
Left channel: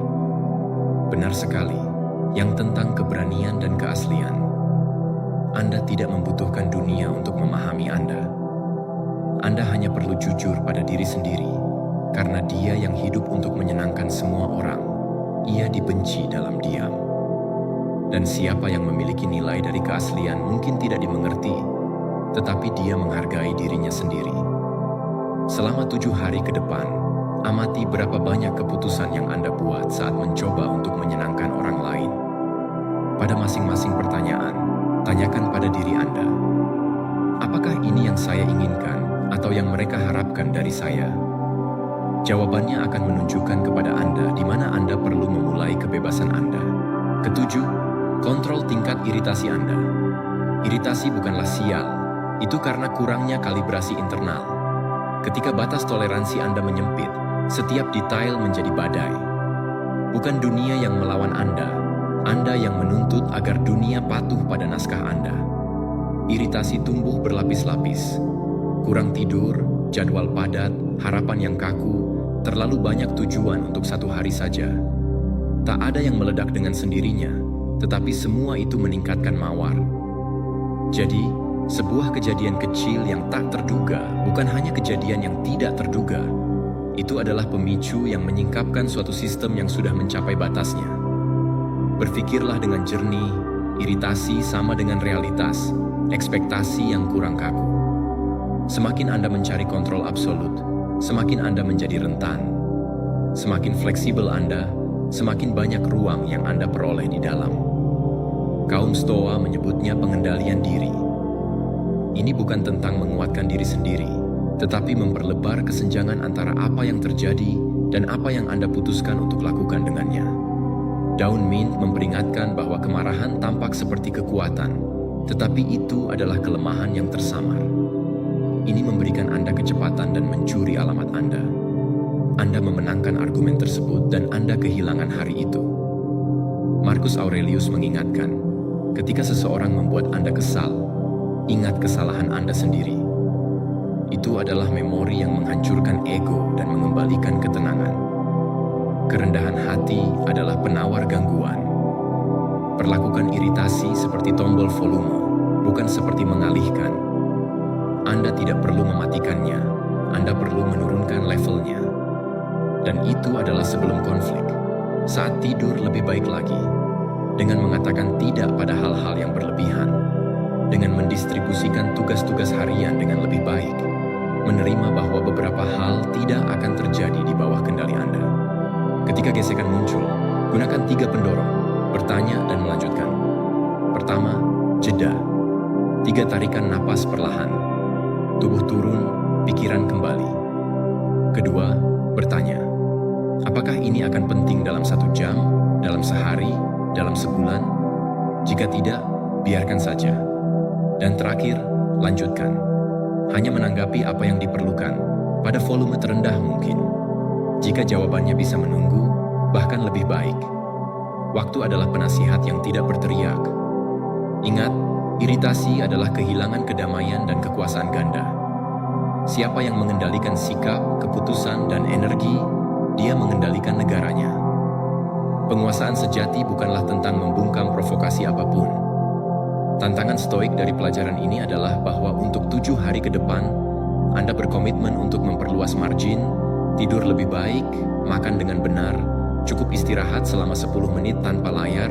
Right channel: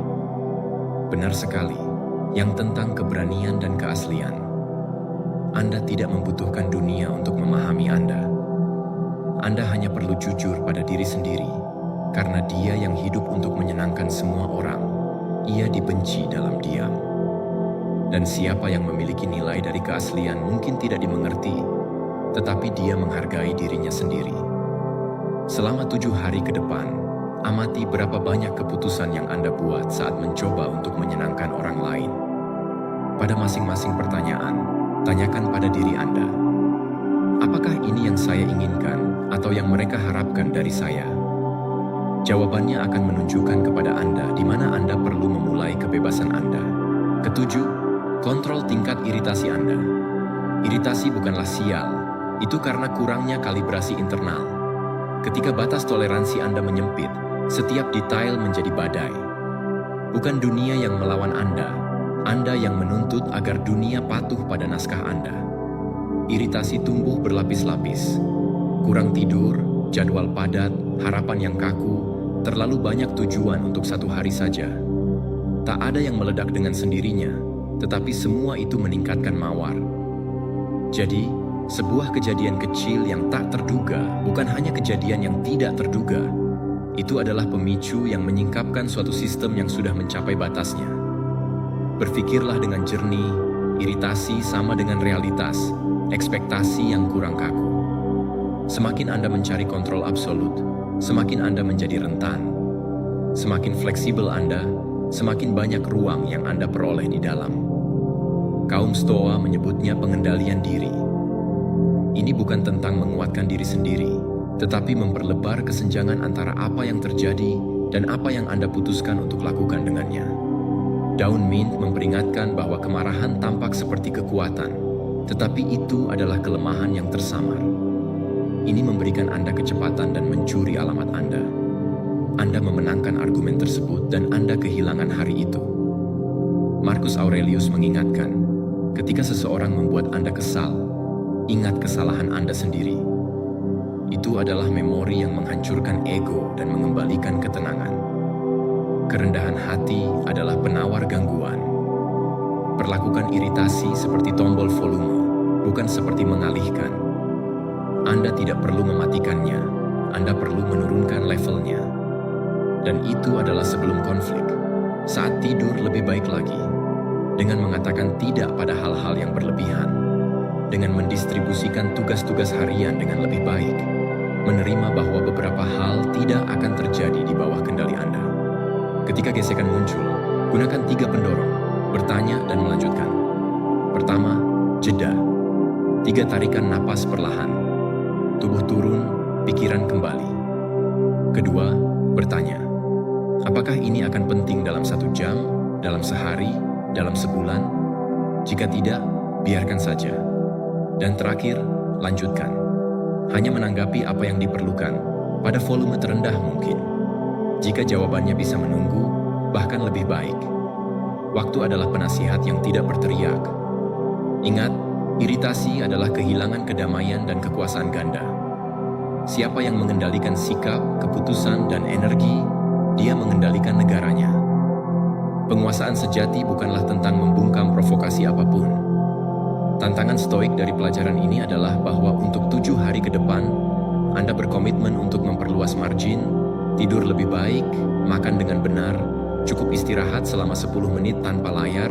Benar sekali, yang tentang keberanian dan keaslian. Anda tidak membutuhkan dunia untuk memahami Anda. Anda hanya perlu jujur pada diri sendiri, karena Dia yang hidup untuk menyenangkan semua orang, Ia dibenci dalam diam. Dan siapa yang memiliki nilai dari keaslian mungkin tidak dimengerti, tetapi dia menghargai dirinya sendiri. Selama 7 hari ke depan, amati berapa banyak keputusan yang Anda buat saat mencoba untuk menyenangkan orang lain. Pada masing-masing pertanyaan, tanyakan pada diri Anda, apakah ini yang saya inginkan atau yang mereka harapkan dari saya? Jawabannya akan menunjukkan kepada Anda di mana Anda perlu memulai kebebasan Anda. Ketujuh, kontrol tingkat iritasi Anda. Iritasi bukanlah sial, itu karena kurangnya kalibrasi internal. Ketika batas toleransi Anda menyempit, setiap detail menjadi badai. Bukan dunia yang melawan Anda yang menuntut agar dunia patuh pada naskah Anda. Iritasi tumbuh berlapis-lapis. Kurang tidur, jadwal padat, harapan yang kaku, terlalu banyak tujuan untuk 1 hari saja. Tak ada yang meledak dengan sendirinya, tetapi semua itu meningkatkan mawar. Jadi, sebuah kejadian kecil yang tak terduga bukan hanya kejadian yang tidak terduga. Itu adalah pemicu yang menyingkapkan suatu sistem yang sudah mencapai batasnya. Berpikirlah dengan jernih, iritasi sama dengan realitas, ekspektasi yang kurang kaku. Semakin Anda mencari kontrol absolut, semakin Anda menjadi rentan. Semakin fleksibel Anda, semakin banyak ruang yang Anda peroleh di dalam. Kaum Stoa menyebutnya pengendalian diri. Ini bukan tentang menguatkan diri sendiri, tetapi memperlebar kesenjangan antara apa yang terjadi dan apa yang Anda putuskan untuk lakukan dengannya. Daun mint memperingatkan bahwa kemarahan tampak seperti kekuatan, tetapi itu adalah kelemahan yang tersamar. Ini memberikan Anda kecepatan dan mencuri alamat Anda. Anda memenangkan argumen tersebut dan Anda kehilangan hari itu. Marcus Aurelius mengingatkan, ketika seseorang membuat Anda kesal, ingat kesalahan Anda sendiri. Itu adalah memori yang menghancurkan ego dan mengembalikan ketenangan. Kerendahan hati adalah penawar gangguan. Perlakukan iritasi seperti tombol volume, bukan seperti mengalihkan. Anda tidak perlu mematikannya, Anda perlu menurunkan levelnya. Dan itu adalah sebelum konflik. Saat tidur lebih baik lagi, dengan mengatakan tidak pada hal-hal yang berlebihan, dengan mendistribusikan tugas-tugas harian dengan lebih baik, menerima bahwa beberapa hal tidak akan terjadi di bawah kendali Anda. Ketika gesekan muncul, gunakan 3 pendorong, bertanya dan melanjutkan. Pertama, jeda. 3 tarikan napas perlahan. Tubuh turun, pikiran kembali. Kedua, bertanya. Apakah ini akan penting dalam 1 jam, dalam sehari, dalam sebulan? Jika tidak, biarkan saja. Dan terakhir, lanjutkan. Hanya menanggapi apa yang diperlukan, pada volume terendah mungkin. Jika jawabannya bisa menunggu, bahkan lebih baik. Waktu adalah penasihat yang tidak berteriak. Ingat, iritasi adalah kehilangan kedamaian dan kekuasaan ganda. Siapa yang mengendalikan sikap, keputusan, dan energi, dia mengendalikan negaranya. Penguasaan sejati bukanlah tentang membungkam provokasi apapun. Tantangan stoik dari pelajaran ini adalah bahwa untuk 7 hari ke depan, Anda berkomitmen untuk memperluas margin, tidur lebih baik, makan dengan benar, cukup istirahat selama 10 menit tanpa layar,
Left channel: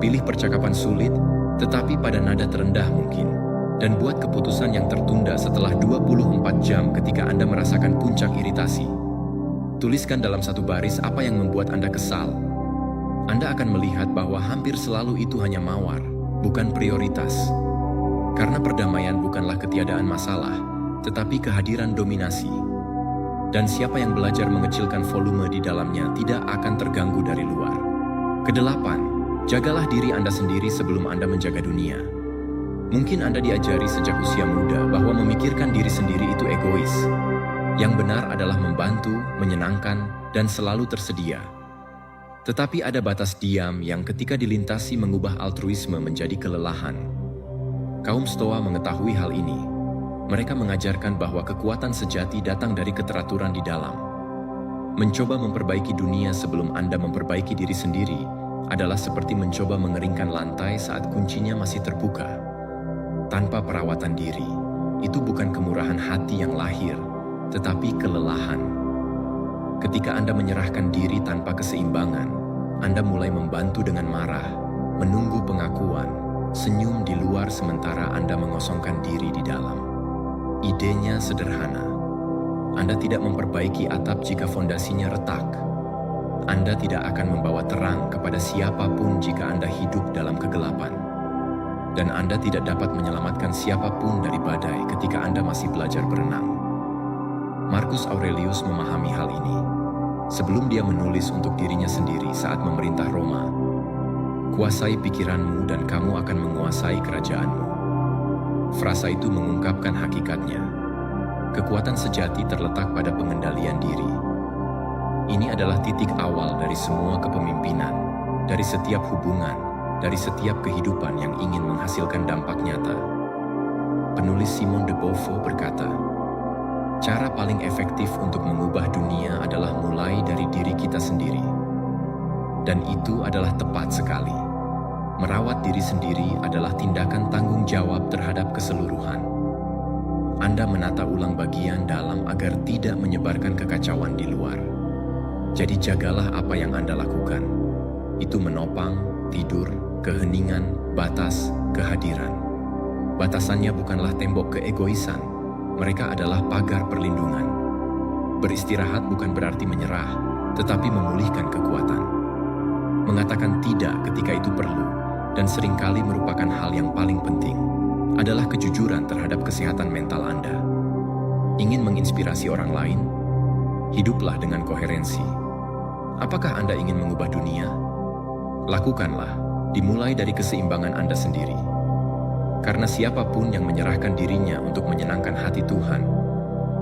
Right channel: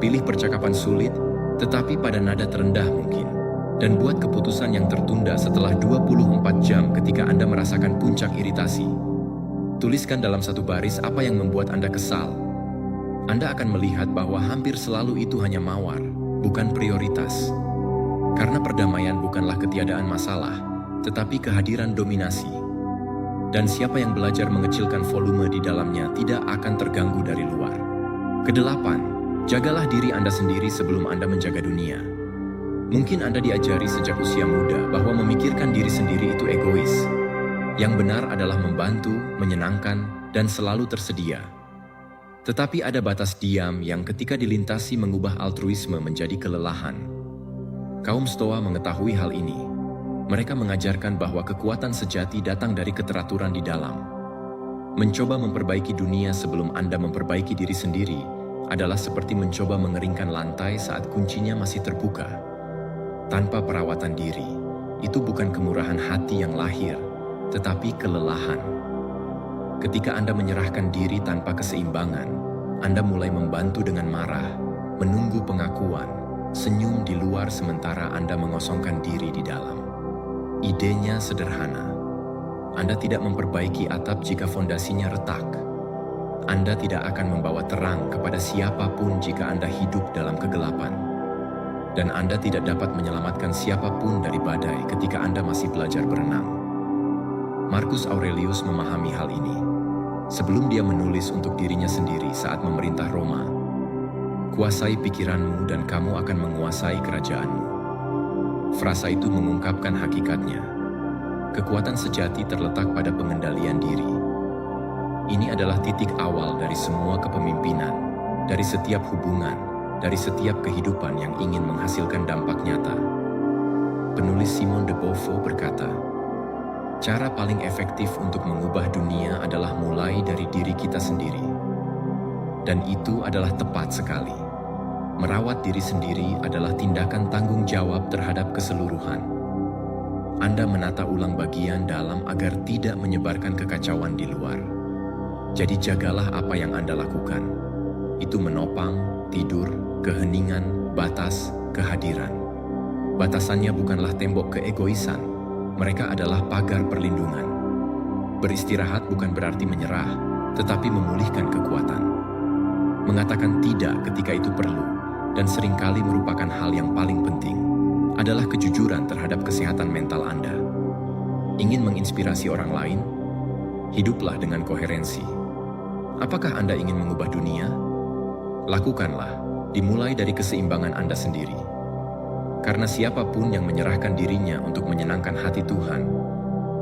Pilih percakapan sulit, tetapi pada nada terendah mungkin. Dan buat keputusan yang tertunda setelah 24 jam ketika Anda merasakan puncak iritasi. Tuliskan dalam satu baris apa yang membuat Anda kesal. Anda akan melihat bahwa hampir selalu itu hanya mawar, bukan prioritas. Karena perdamaian bukanlah ketiadaan masalah, tetapi kehadiran dominasi. Dan siapa yang belajar mengecilkan volume di dalamnya tidak akan terganggu dari luar. Kedelapan, jagalah diri Anda sendiri sebelum Anda menjaga dunia. Mungkin Anda diajari sejak usia muda bahwa memikirkan diri sendiri itu egois. Yang benar adalah membantu, menyenangkan, dan selalu tersedia. Tetapi ada batas diam yang ketika dilintasi mengubah altruisme menjadi kelelahan. Kaum Stoa mengetahui hal ini. Mereka mengajarkan bahwa kekuatan sejati datang dari keteraturan di dalam. Mencoba memperbaiki dunia sebelum Anda memperbaiki diri sendiri adalah seperti mencoba mengeringkan lantai saat kuncinya masih terbuka. Tanpa perawatan diri, itu bukan kemurahan hati yang lahir, tetapi kelelahan. Ketika Anda menyerahkan diri tanpa keseimbangan, Anda mulai membantu dengan marah, menunggu pengakuan, senyum di luar sementara Anda mengosongkan diri di dalam. Idenya sederhana. Anda tidak memperbaiki atap jika fondasinya retak. Anda tidak akan membawa terang kepada siapapun jika Anda hidup dalam kegelapan. Dan Anda tidak dapat menyelamatkan siapapun dari badai ketika Anda masih belajar berenang. Marcus Aurelius memahami hal ini. Sebelum dia menulis untuk dirinya sendiri saat memerintah Roma, "Kuasai pikiranmu dan kamu akan menguasai kerajaanmu." Frasa itu mengungkapkan hakikatnya. Kekuatan sejati terletak pada pengendalian diri. Ini adalah titik awal dari semua kepemimpinan, dari setiap hubungan, dari setiap kehidupan yang ingin menghasilkan dampak nyata. Penulis Simone de Beauvoir berkata, "Cara paling efektif untuk mengubah dunia adalah mulai dari diri kita sendiri." Dan itu adalah tepat sekali. Merawat diri sendiri adalah tindakan tanggung jawab terhadap keseluruhan. Anda menata ulang bagian dalam agar tidak menyebarkan kekacauan di luar. Jadi jagalah apa yang Anda lakukan. Itu menopang, tidur, keheningan, batas, kehadiran. Batasannya bukanlah tembok keegoisan, mereka adalah pagar perlindungan. Beristirahat bukan berarti menyerah, tetapi memulihkan kekuatan. Mengatakan tidak ketika itu perlu, dan seringkali merupakan hal yang paling penting, adalah kejujuran terhadap kesehatan mental Anda. Ingin menginspirasi orang lain? Hiduplah dengan koherensi. Apakah Anda ingin mengubah dunia? Lakukanlah, dimulai dari keseimbangan Anda sendiri. Karena siapapun yang menyerahkan dirinya untuk menyenangkan hati Tuhan,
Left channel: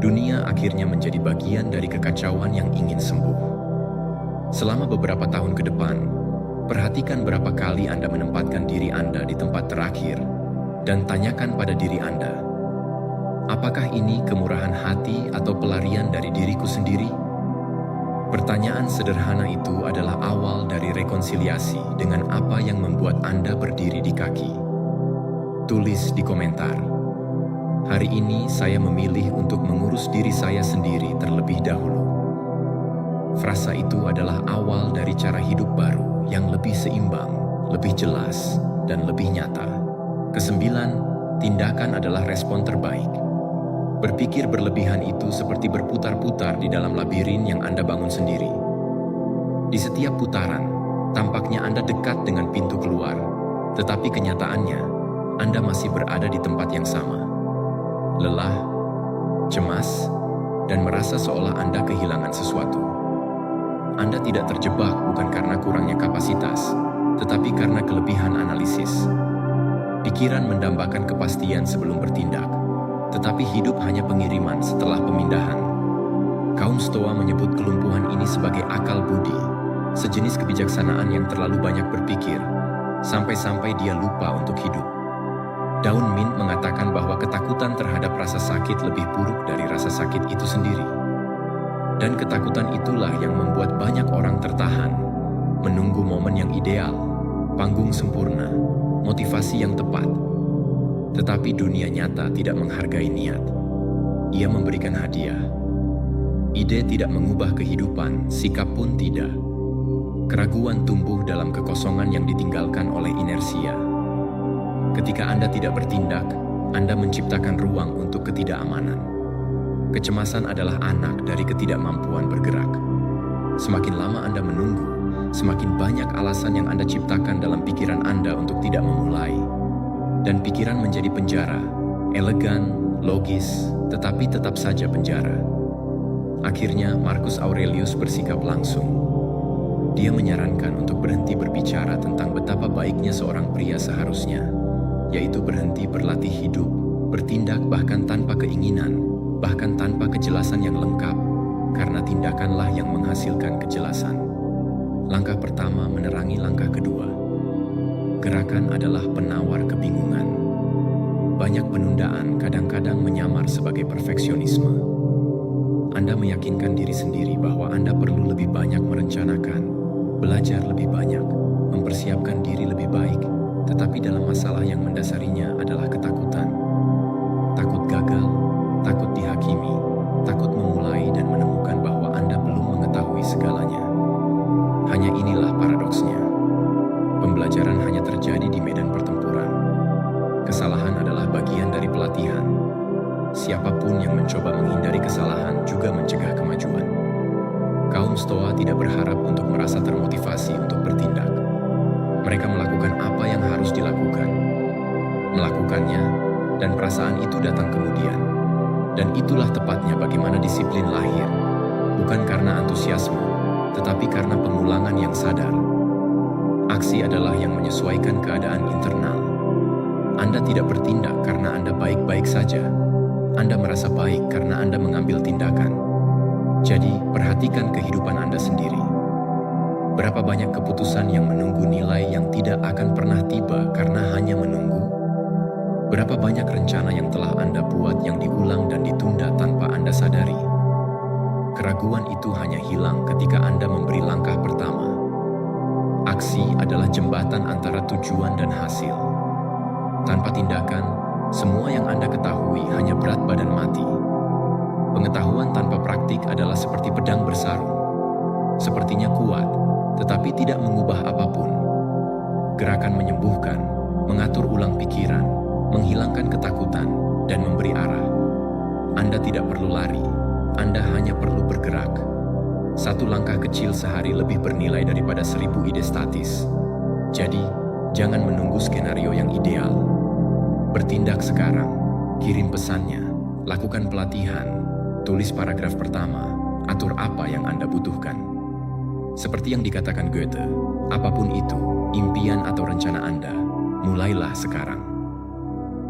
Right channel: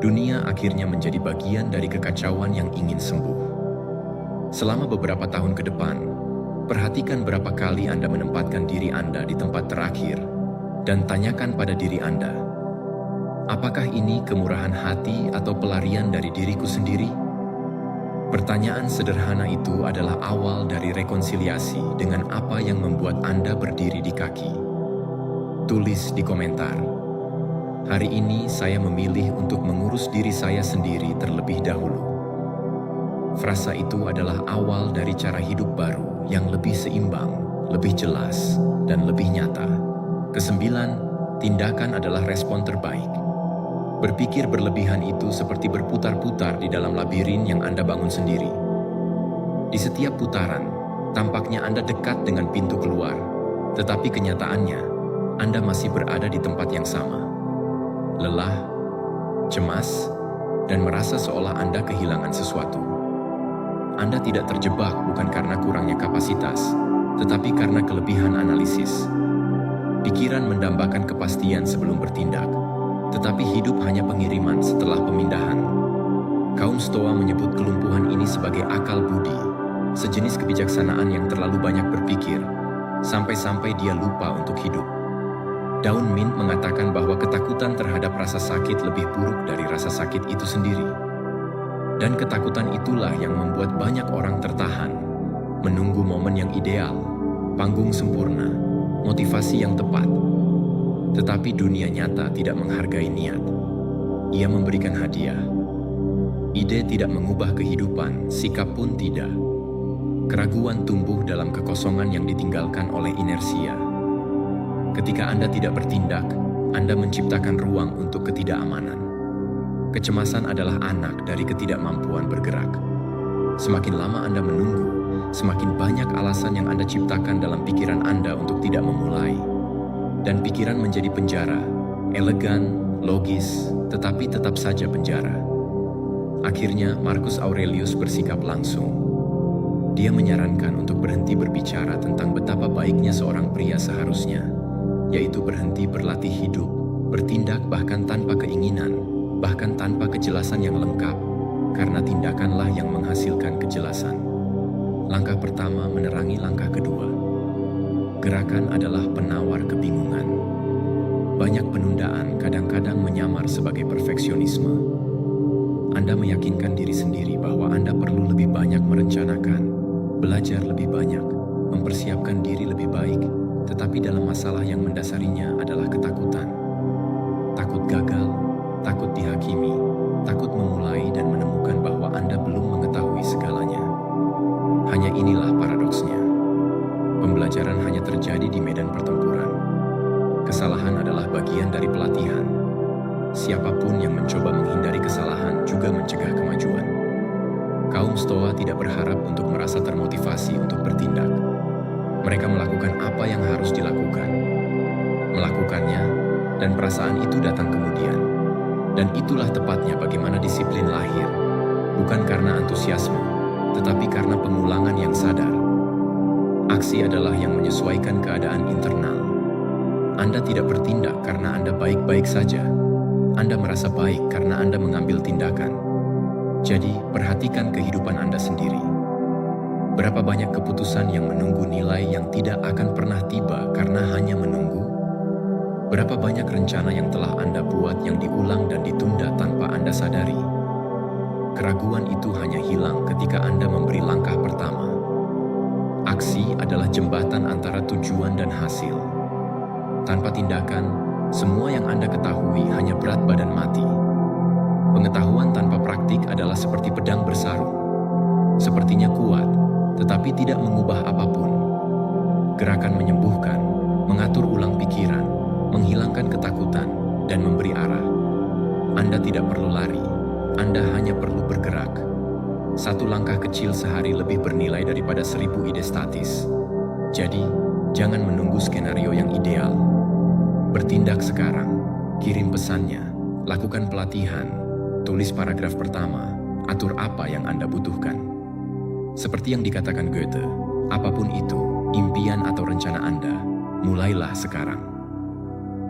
dunia akhirnya menjadi bagian dari kekacauan yang ingin sembuh. Selama beberapa tahun ke depan, perhatikan berapa kali Anda menempatkan diri Anda di tempat terakhir dan tanyakan pada diri Anda, apakah ini kemurahan hati atau pelarian dari diriku sendiri? Pertanyaan sederhana itu adalah awal dari rekonsiliasi dengan apa yang membuat Anda berdiri di kaki. Tulis di komentar, "Hari ini saya memilih untuk mengurus diri saya sendiri terlebih dahulu." Frasa itu adalah awal dari cara hidup baru yang lebih seimbang, lebih jelas, dan lebih nyata. Kesembilan, tindakan adalah respon terbaik. Berpikir berlebihan itu seperti berputar-putar di dalam labirin yang Anda bangun sendiri. Di setiap putaran, tampaknya Anda dekat dengan pintu keluar, tetapi kenyataannya, Anda masih berada di tempat yang sama. Lelah, cemas, dan merasa seolah Anda kehilangan sesuatu. Anda tidak terjebak bukan karena kurangnya kapasitas, tetapi karena kelebihan analisis. Pikiran mendambakan kepastian sebelum bertindak, tetapi hidup hanya pengiriman setelah pemindahan. Kaum Stoa menyebut kelumpuhan ini sebagai akal budi, sejenis kebijaksanaan yang terlalu banyak berpikir, sampai-sampai dia lupa untuk hidup. Daun Mint mengatakan bahwa ketakutan terhadap rasa sakit lebih buruk dari rasa sakit itu sendiri. Dan ketakutan itulah yang membuat banyak orang tertahan, menunggu momen yang ideal, panggung sempurna, motivasi yang tepat. Tetapi dunia nyata tidak menghargai niat. Ia memberikan hadiah. Ide tidak mengubah kehidupan, sikap pun tidak. Keraguan tumbuh dalam kekosongan yang ditinggalkan oleh inersia. Ketika Anda tidak bertindak, Anda menciptakan ruang untuk ketidakamanan. Kecemasan adalah anak dari ketidakmampuan bergerak. Semakin lama Anda menunggu, semakin banyak alasan yang Anda ciptakan dalam pikiran Anda untuk tidak memulai. Dan pikiran menjadi penjara, elegan, logis, tetapi tetap saja penjara. Akhirnya, Marcus Aurelius bersikap langsung. Dia menyarankan untuk berhenti berbicara tentang betapa baiknya seorang pria seharusnya, yaitu berhenti berlatih hidup, bertindak bahkan tanpa keinginan, bahkan tanpa kejelasan yang lengkap, karena tindakanlah yang menghasilkan kejelasan. Langkah pertama menerangi langkah kedua. Gerakan adalah penawar kebingungan. Banyak penundaan kadang-kadang menyamar sebagai perfeksionisme. Anda meyakinkan diri sendiri bahwa Anda perlu lebih banyak merencanakan, belajar lebih banyak, mempersiapkan diri lebih baik, tetapi dalam masalah yang mendasarinya adalah ketakutan. Takut gagal, takut dihakimi, takut memulai dan menemukan bahwa Anda belum mengetahui segalanya. Hanya inilah paradoksnya. Pembelajaran hanya terjadi di medan pertempuran. Kesalahan adalah bagian dari pelatihan. Siapapun yang mencoba menghindari kesalahan juga mencegah kemajuan. Kaum Stoa tidak berharap untuk merasa termotivasi untuk bertindak. Mereka melakukan apa yang harus dilakukan. Melakukannya, dan perasaan itu datang kemudian. Dan itulah tepatnya bagaimana disiplin lahir. Bukan karena antusiasme, tetapi karena pengulangan yang sadar. Aksi adalah yang menyesuaikan keadaan internal. Anda tidak bertindak karena Anda baik-baik saja. Anda merasa baik karena Anda mengambil tindakan. Jadi, perhatikan kehidupan Anda sendiri. Berapa banyak keputusan yang menunggu nilai yang tidak akan pernah tiba karena hanya menunggu? Berapa banyak rencana yang telah Anda buat yang diulang dan ditunda tanpa Anda sadari? Keraguan itu hanya hilang ketika Anda memberi langkah pertama. Aksi adalah jembatan antara tujuan dan hasil. Tanpa tindakan, semua yang Anda ketahui hanya berat badan mati. Pengetahuan tanpa praktik adalah seperti pedang bersarung. Sepertinya kuat, tetapi tidak mengubah apapun. Gerakan menyembuhkan, mengatur ulang pikiran, menghilangkan ketakutan, dan memberi arah. Anda tidak perlu lari, Anda hanya perlu bergerak. Satu langkah kecil sehari lebih bernilai daripada 1000 ide statis. Jadi, jangan menunggu skenario yang ideal. Bertindak sekarang, kirim pesannya, lakukan pelatihan, tulis paragraf pertama, atur apa yang Anda butuhkan. Seperti yang dikatakan Goethe, apapun itu, impian atau rencana Anda, mulailah sekarang.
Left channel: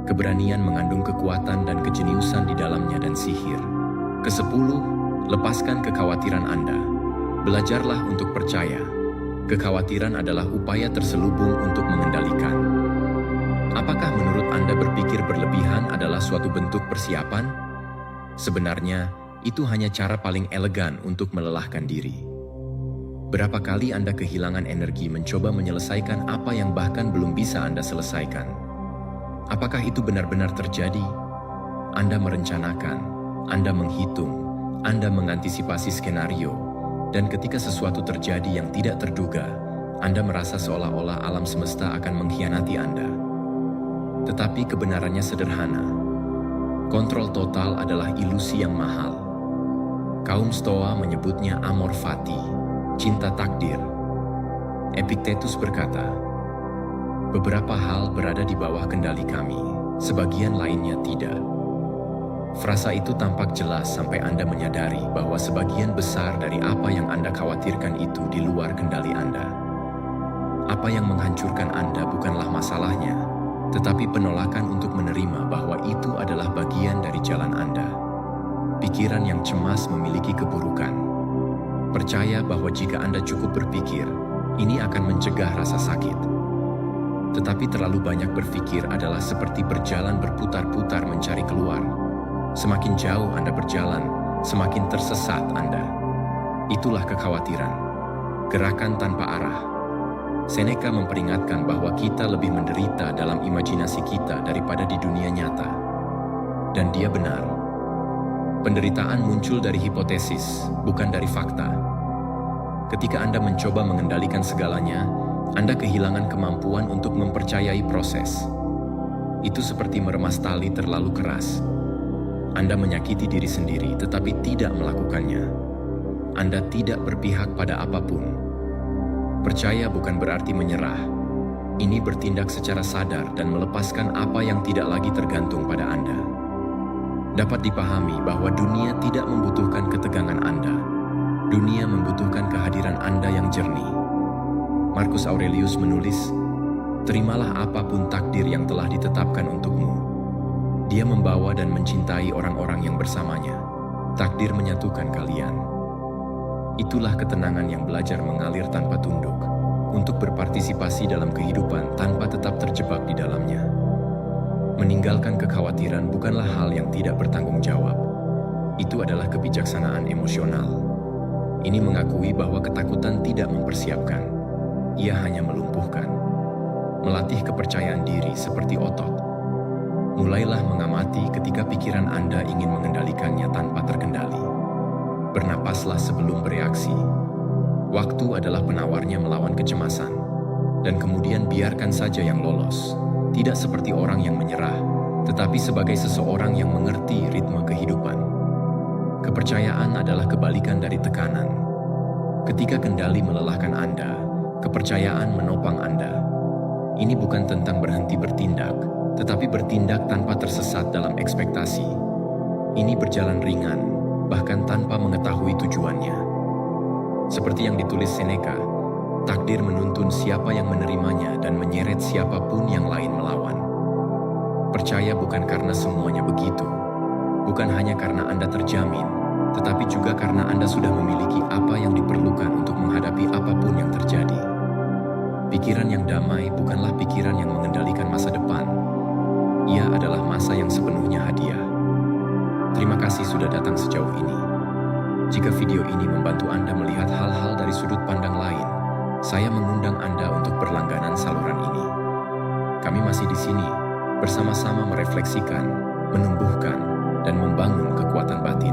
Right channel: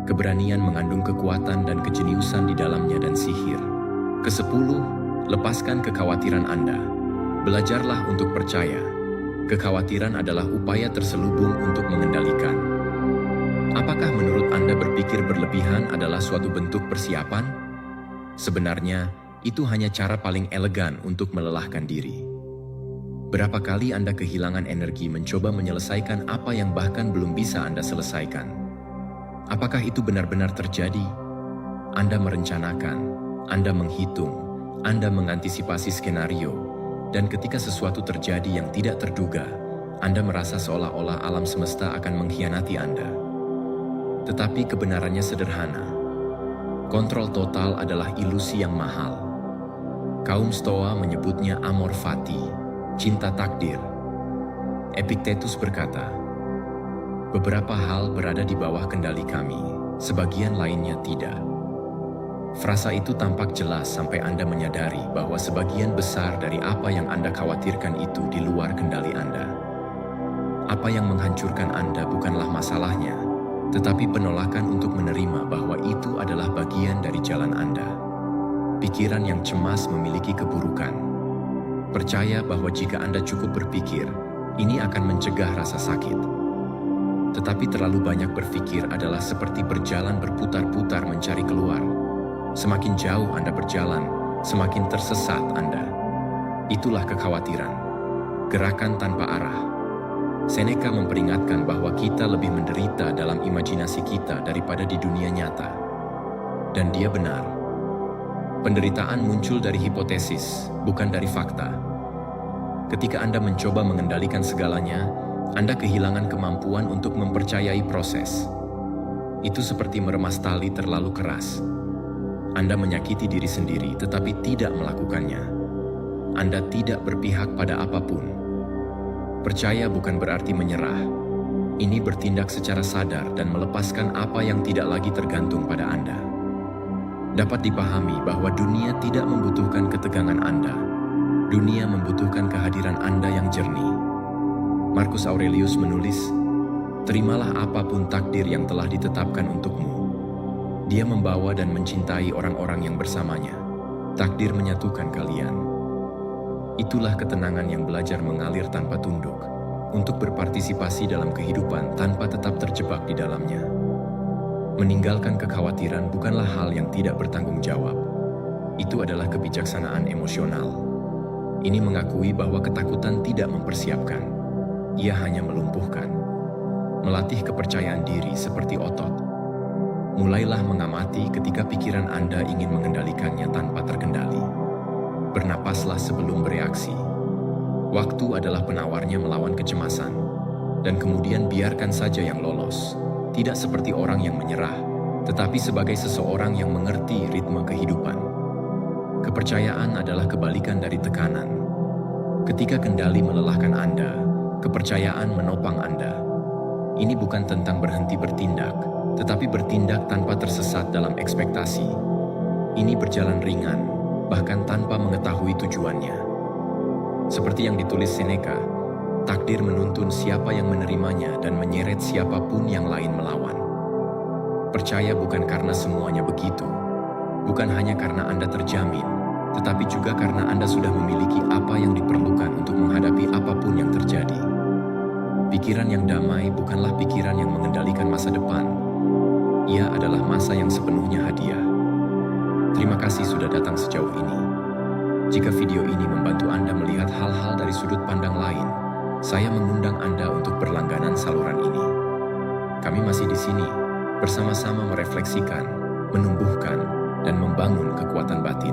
Keberanian mengandung kekuatan dan kejeniusan di dalamnya dan sihir. Ke-10, lepaskan kekhawatiran Anda. Belajarlah untuk percaya. Kekhawatiran adalah upaya terselubung untuk mengendalikan. Apakah menurut Anda berpikir berlebihan adalah suatu bentuk persiapan? Sebenarnya, itu hanya cara paling elegan untuk melelahkan diri. Berapa kali Anda kehilangan energi mencoba menyelesaikan apa yang bahkan belum bisa Anda selesaikan? Apakah itu benar-benar terjadi? Anda merencanakan, Anda menghitung, Anda mengantisipasi skenario, dan ketika sesuatu terjadi yang tidak terduga, Anda merasa seolah-olah alam semesta akan mengkhianati Anda. Tetapi kebenarannya sederhana. Kontrol total adalah ilusi yang mahal. Kaum Stoa menyebutnya amor fati, cinta takdir. Epictetus berkata, beberapa hal berada di bawah kendali kami, sebagian lainnya tidak. Frasa itu tampak jelas sampai Anda menyadari bahwa sebagian besar dari apa yang Anda khawatirkan itu di luar kendali Anda. Apa yang menghancurkan Anda bukanlah masalahnya, tetapi penolakan untuk menerima bahwa itu adalah bagian dari jalan Anda. Pikiran yang cemas memiliki keburukan. Percaya bahwa jika Anda cukup berpikir, ini akan mencegah rasa sakit. Tetapi terlalu banyak berpikir adalah seperti berjalan berputar-putar mencari keluar. Semakin jauh Anda berjalan, semakin tersesat Anda. Itulah kekhawatiran. Gerakan tanpa arah. Seneca memperingatkan bahwa kita lebih menderita dalam imajinasi kita daripada di dunia nyata. Dan dia benar. Penderitaan muncul dari hipotesis, bukan dari fakta. Ketika Anda mencoba mengendalikan segalanya, Anda kehilangan kemampuan untuk mempercayai proses. Itu seperti meremas tali terlalu keras. Anda menyakiti diri sendiri tetapi tidak melakukannya. Anda tidak berpihak pada apapun. Percaya bukan berarti menyerah. Ini bertindak secara sadar dan melepaskan apa yang tidak lagi tergantung pada Anda. Dapat dipahami bahwa dunia tidak membutuhkan ketegangan Anda. Dunia membutuhkan kehadiran Anda yang jernih. Marcus Aurelius menulis, "Terimalah apapun takdir yang telah ditetapkan untukmu." Dia membawa dan mencintai orang-orang yang bersamanya. Takdir menyatukan kalian. Itulah ketenangan yang belajar mengalir tanpa tunduk, untuk berpartisipasi dalam kehidupan tanpa tetap terjebak di dalamnya. Meninggalkan kekhawatiran bukanlah hal yang tidak bertanggung jawab. Itu adalah kebijaksanaan emosional. Ini mengakui bahwa ketakutan tidak mempersiapkan. Ia hanya melumpuhkan. Melatih kepercayaan diri seperti otot. Mulailah mengamati ketika pikiran Anda ingin mengendalikannya tanpa terkendali. Bernapaslah sebelum bereaksi. Waktu adalah penawarnya melawan kecemasan, dan kemudian biarkan saja yang lolos, tidak seperti orang yang menyerah, tetapi sebagai seseorang yang mengerti ritme kehidupan. Kepercayaan adalah kebalikan dari tekanan. Ketika kendali melelahkan Anda, kepercayaan menopang Anda. Ini bukan tentang berhenti bertindak, tetapi bertindak tanpa tersesat dalam ekspektasi. Ini berjalan ringan, bahkan tanpa mengetahui tujuannya. Seperti yang ditulis Seneca, takdir menuntun siapa yang menerimanya dan menyeret siapapun yang lain melawan. Percaya bukan karena semuanya begitu, bukan hanya karena Anda terjamin, tetapi juga karena Anda sudah memiliki apa yang diperlukan untuk menghadapi apapun yang terjadi. Pikiran yang damai bukanlah pikiran yang mengendalikan masa depan. Ia adalah masa yang sepenuhnya hadiah. Terima kasih sudah datang sejauh ini. Jika video ini membantu Anda melihat hal-hal dari sudut pandang lain, saya mengundang Anda untuk berlangganan saluran ini. Kami masih di sini, bersama-sama merefleksikan, menumbuhkan, dan membangun kekuatan batin.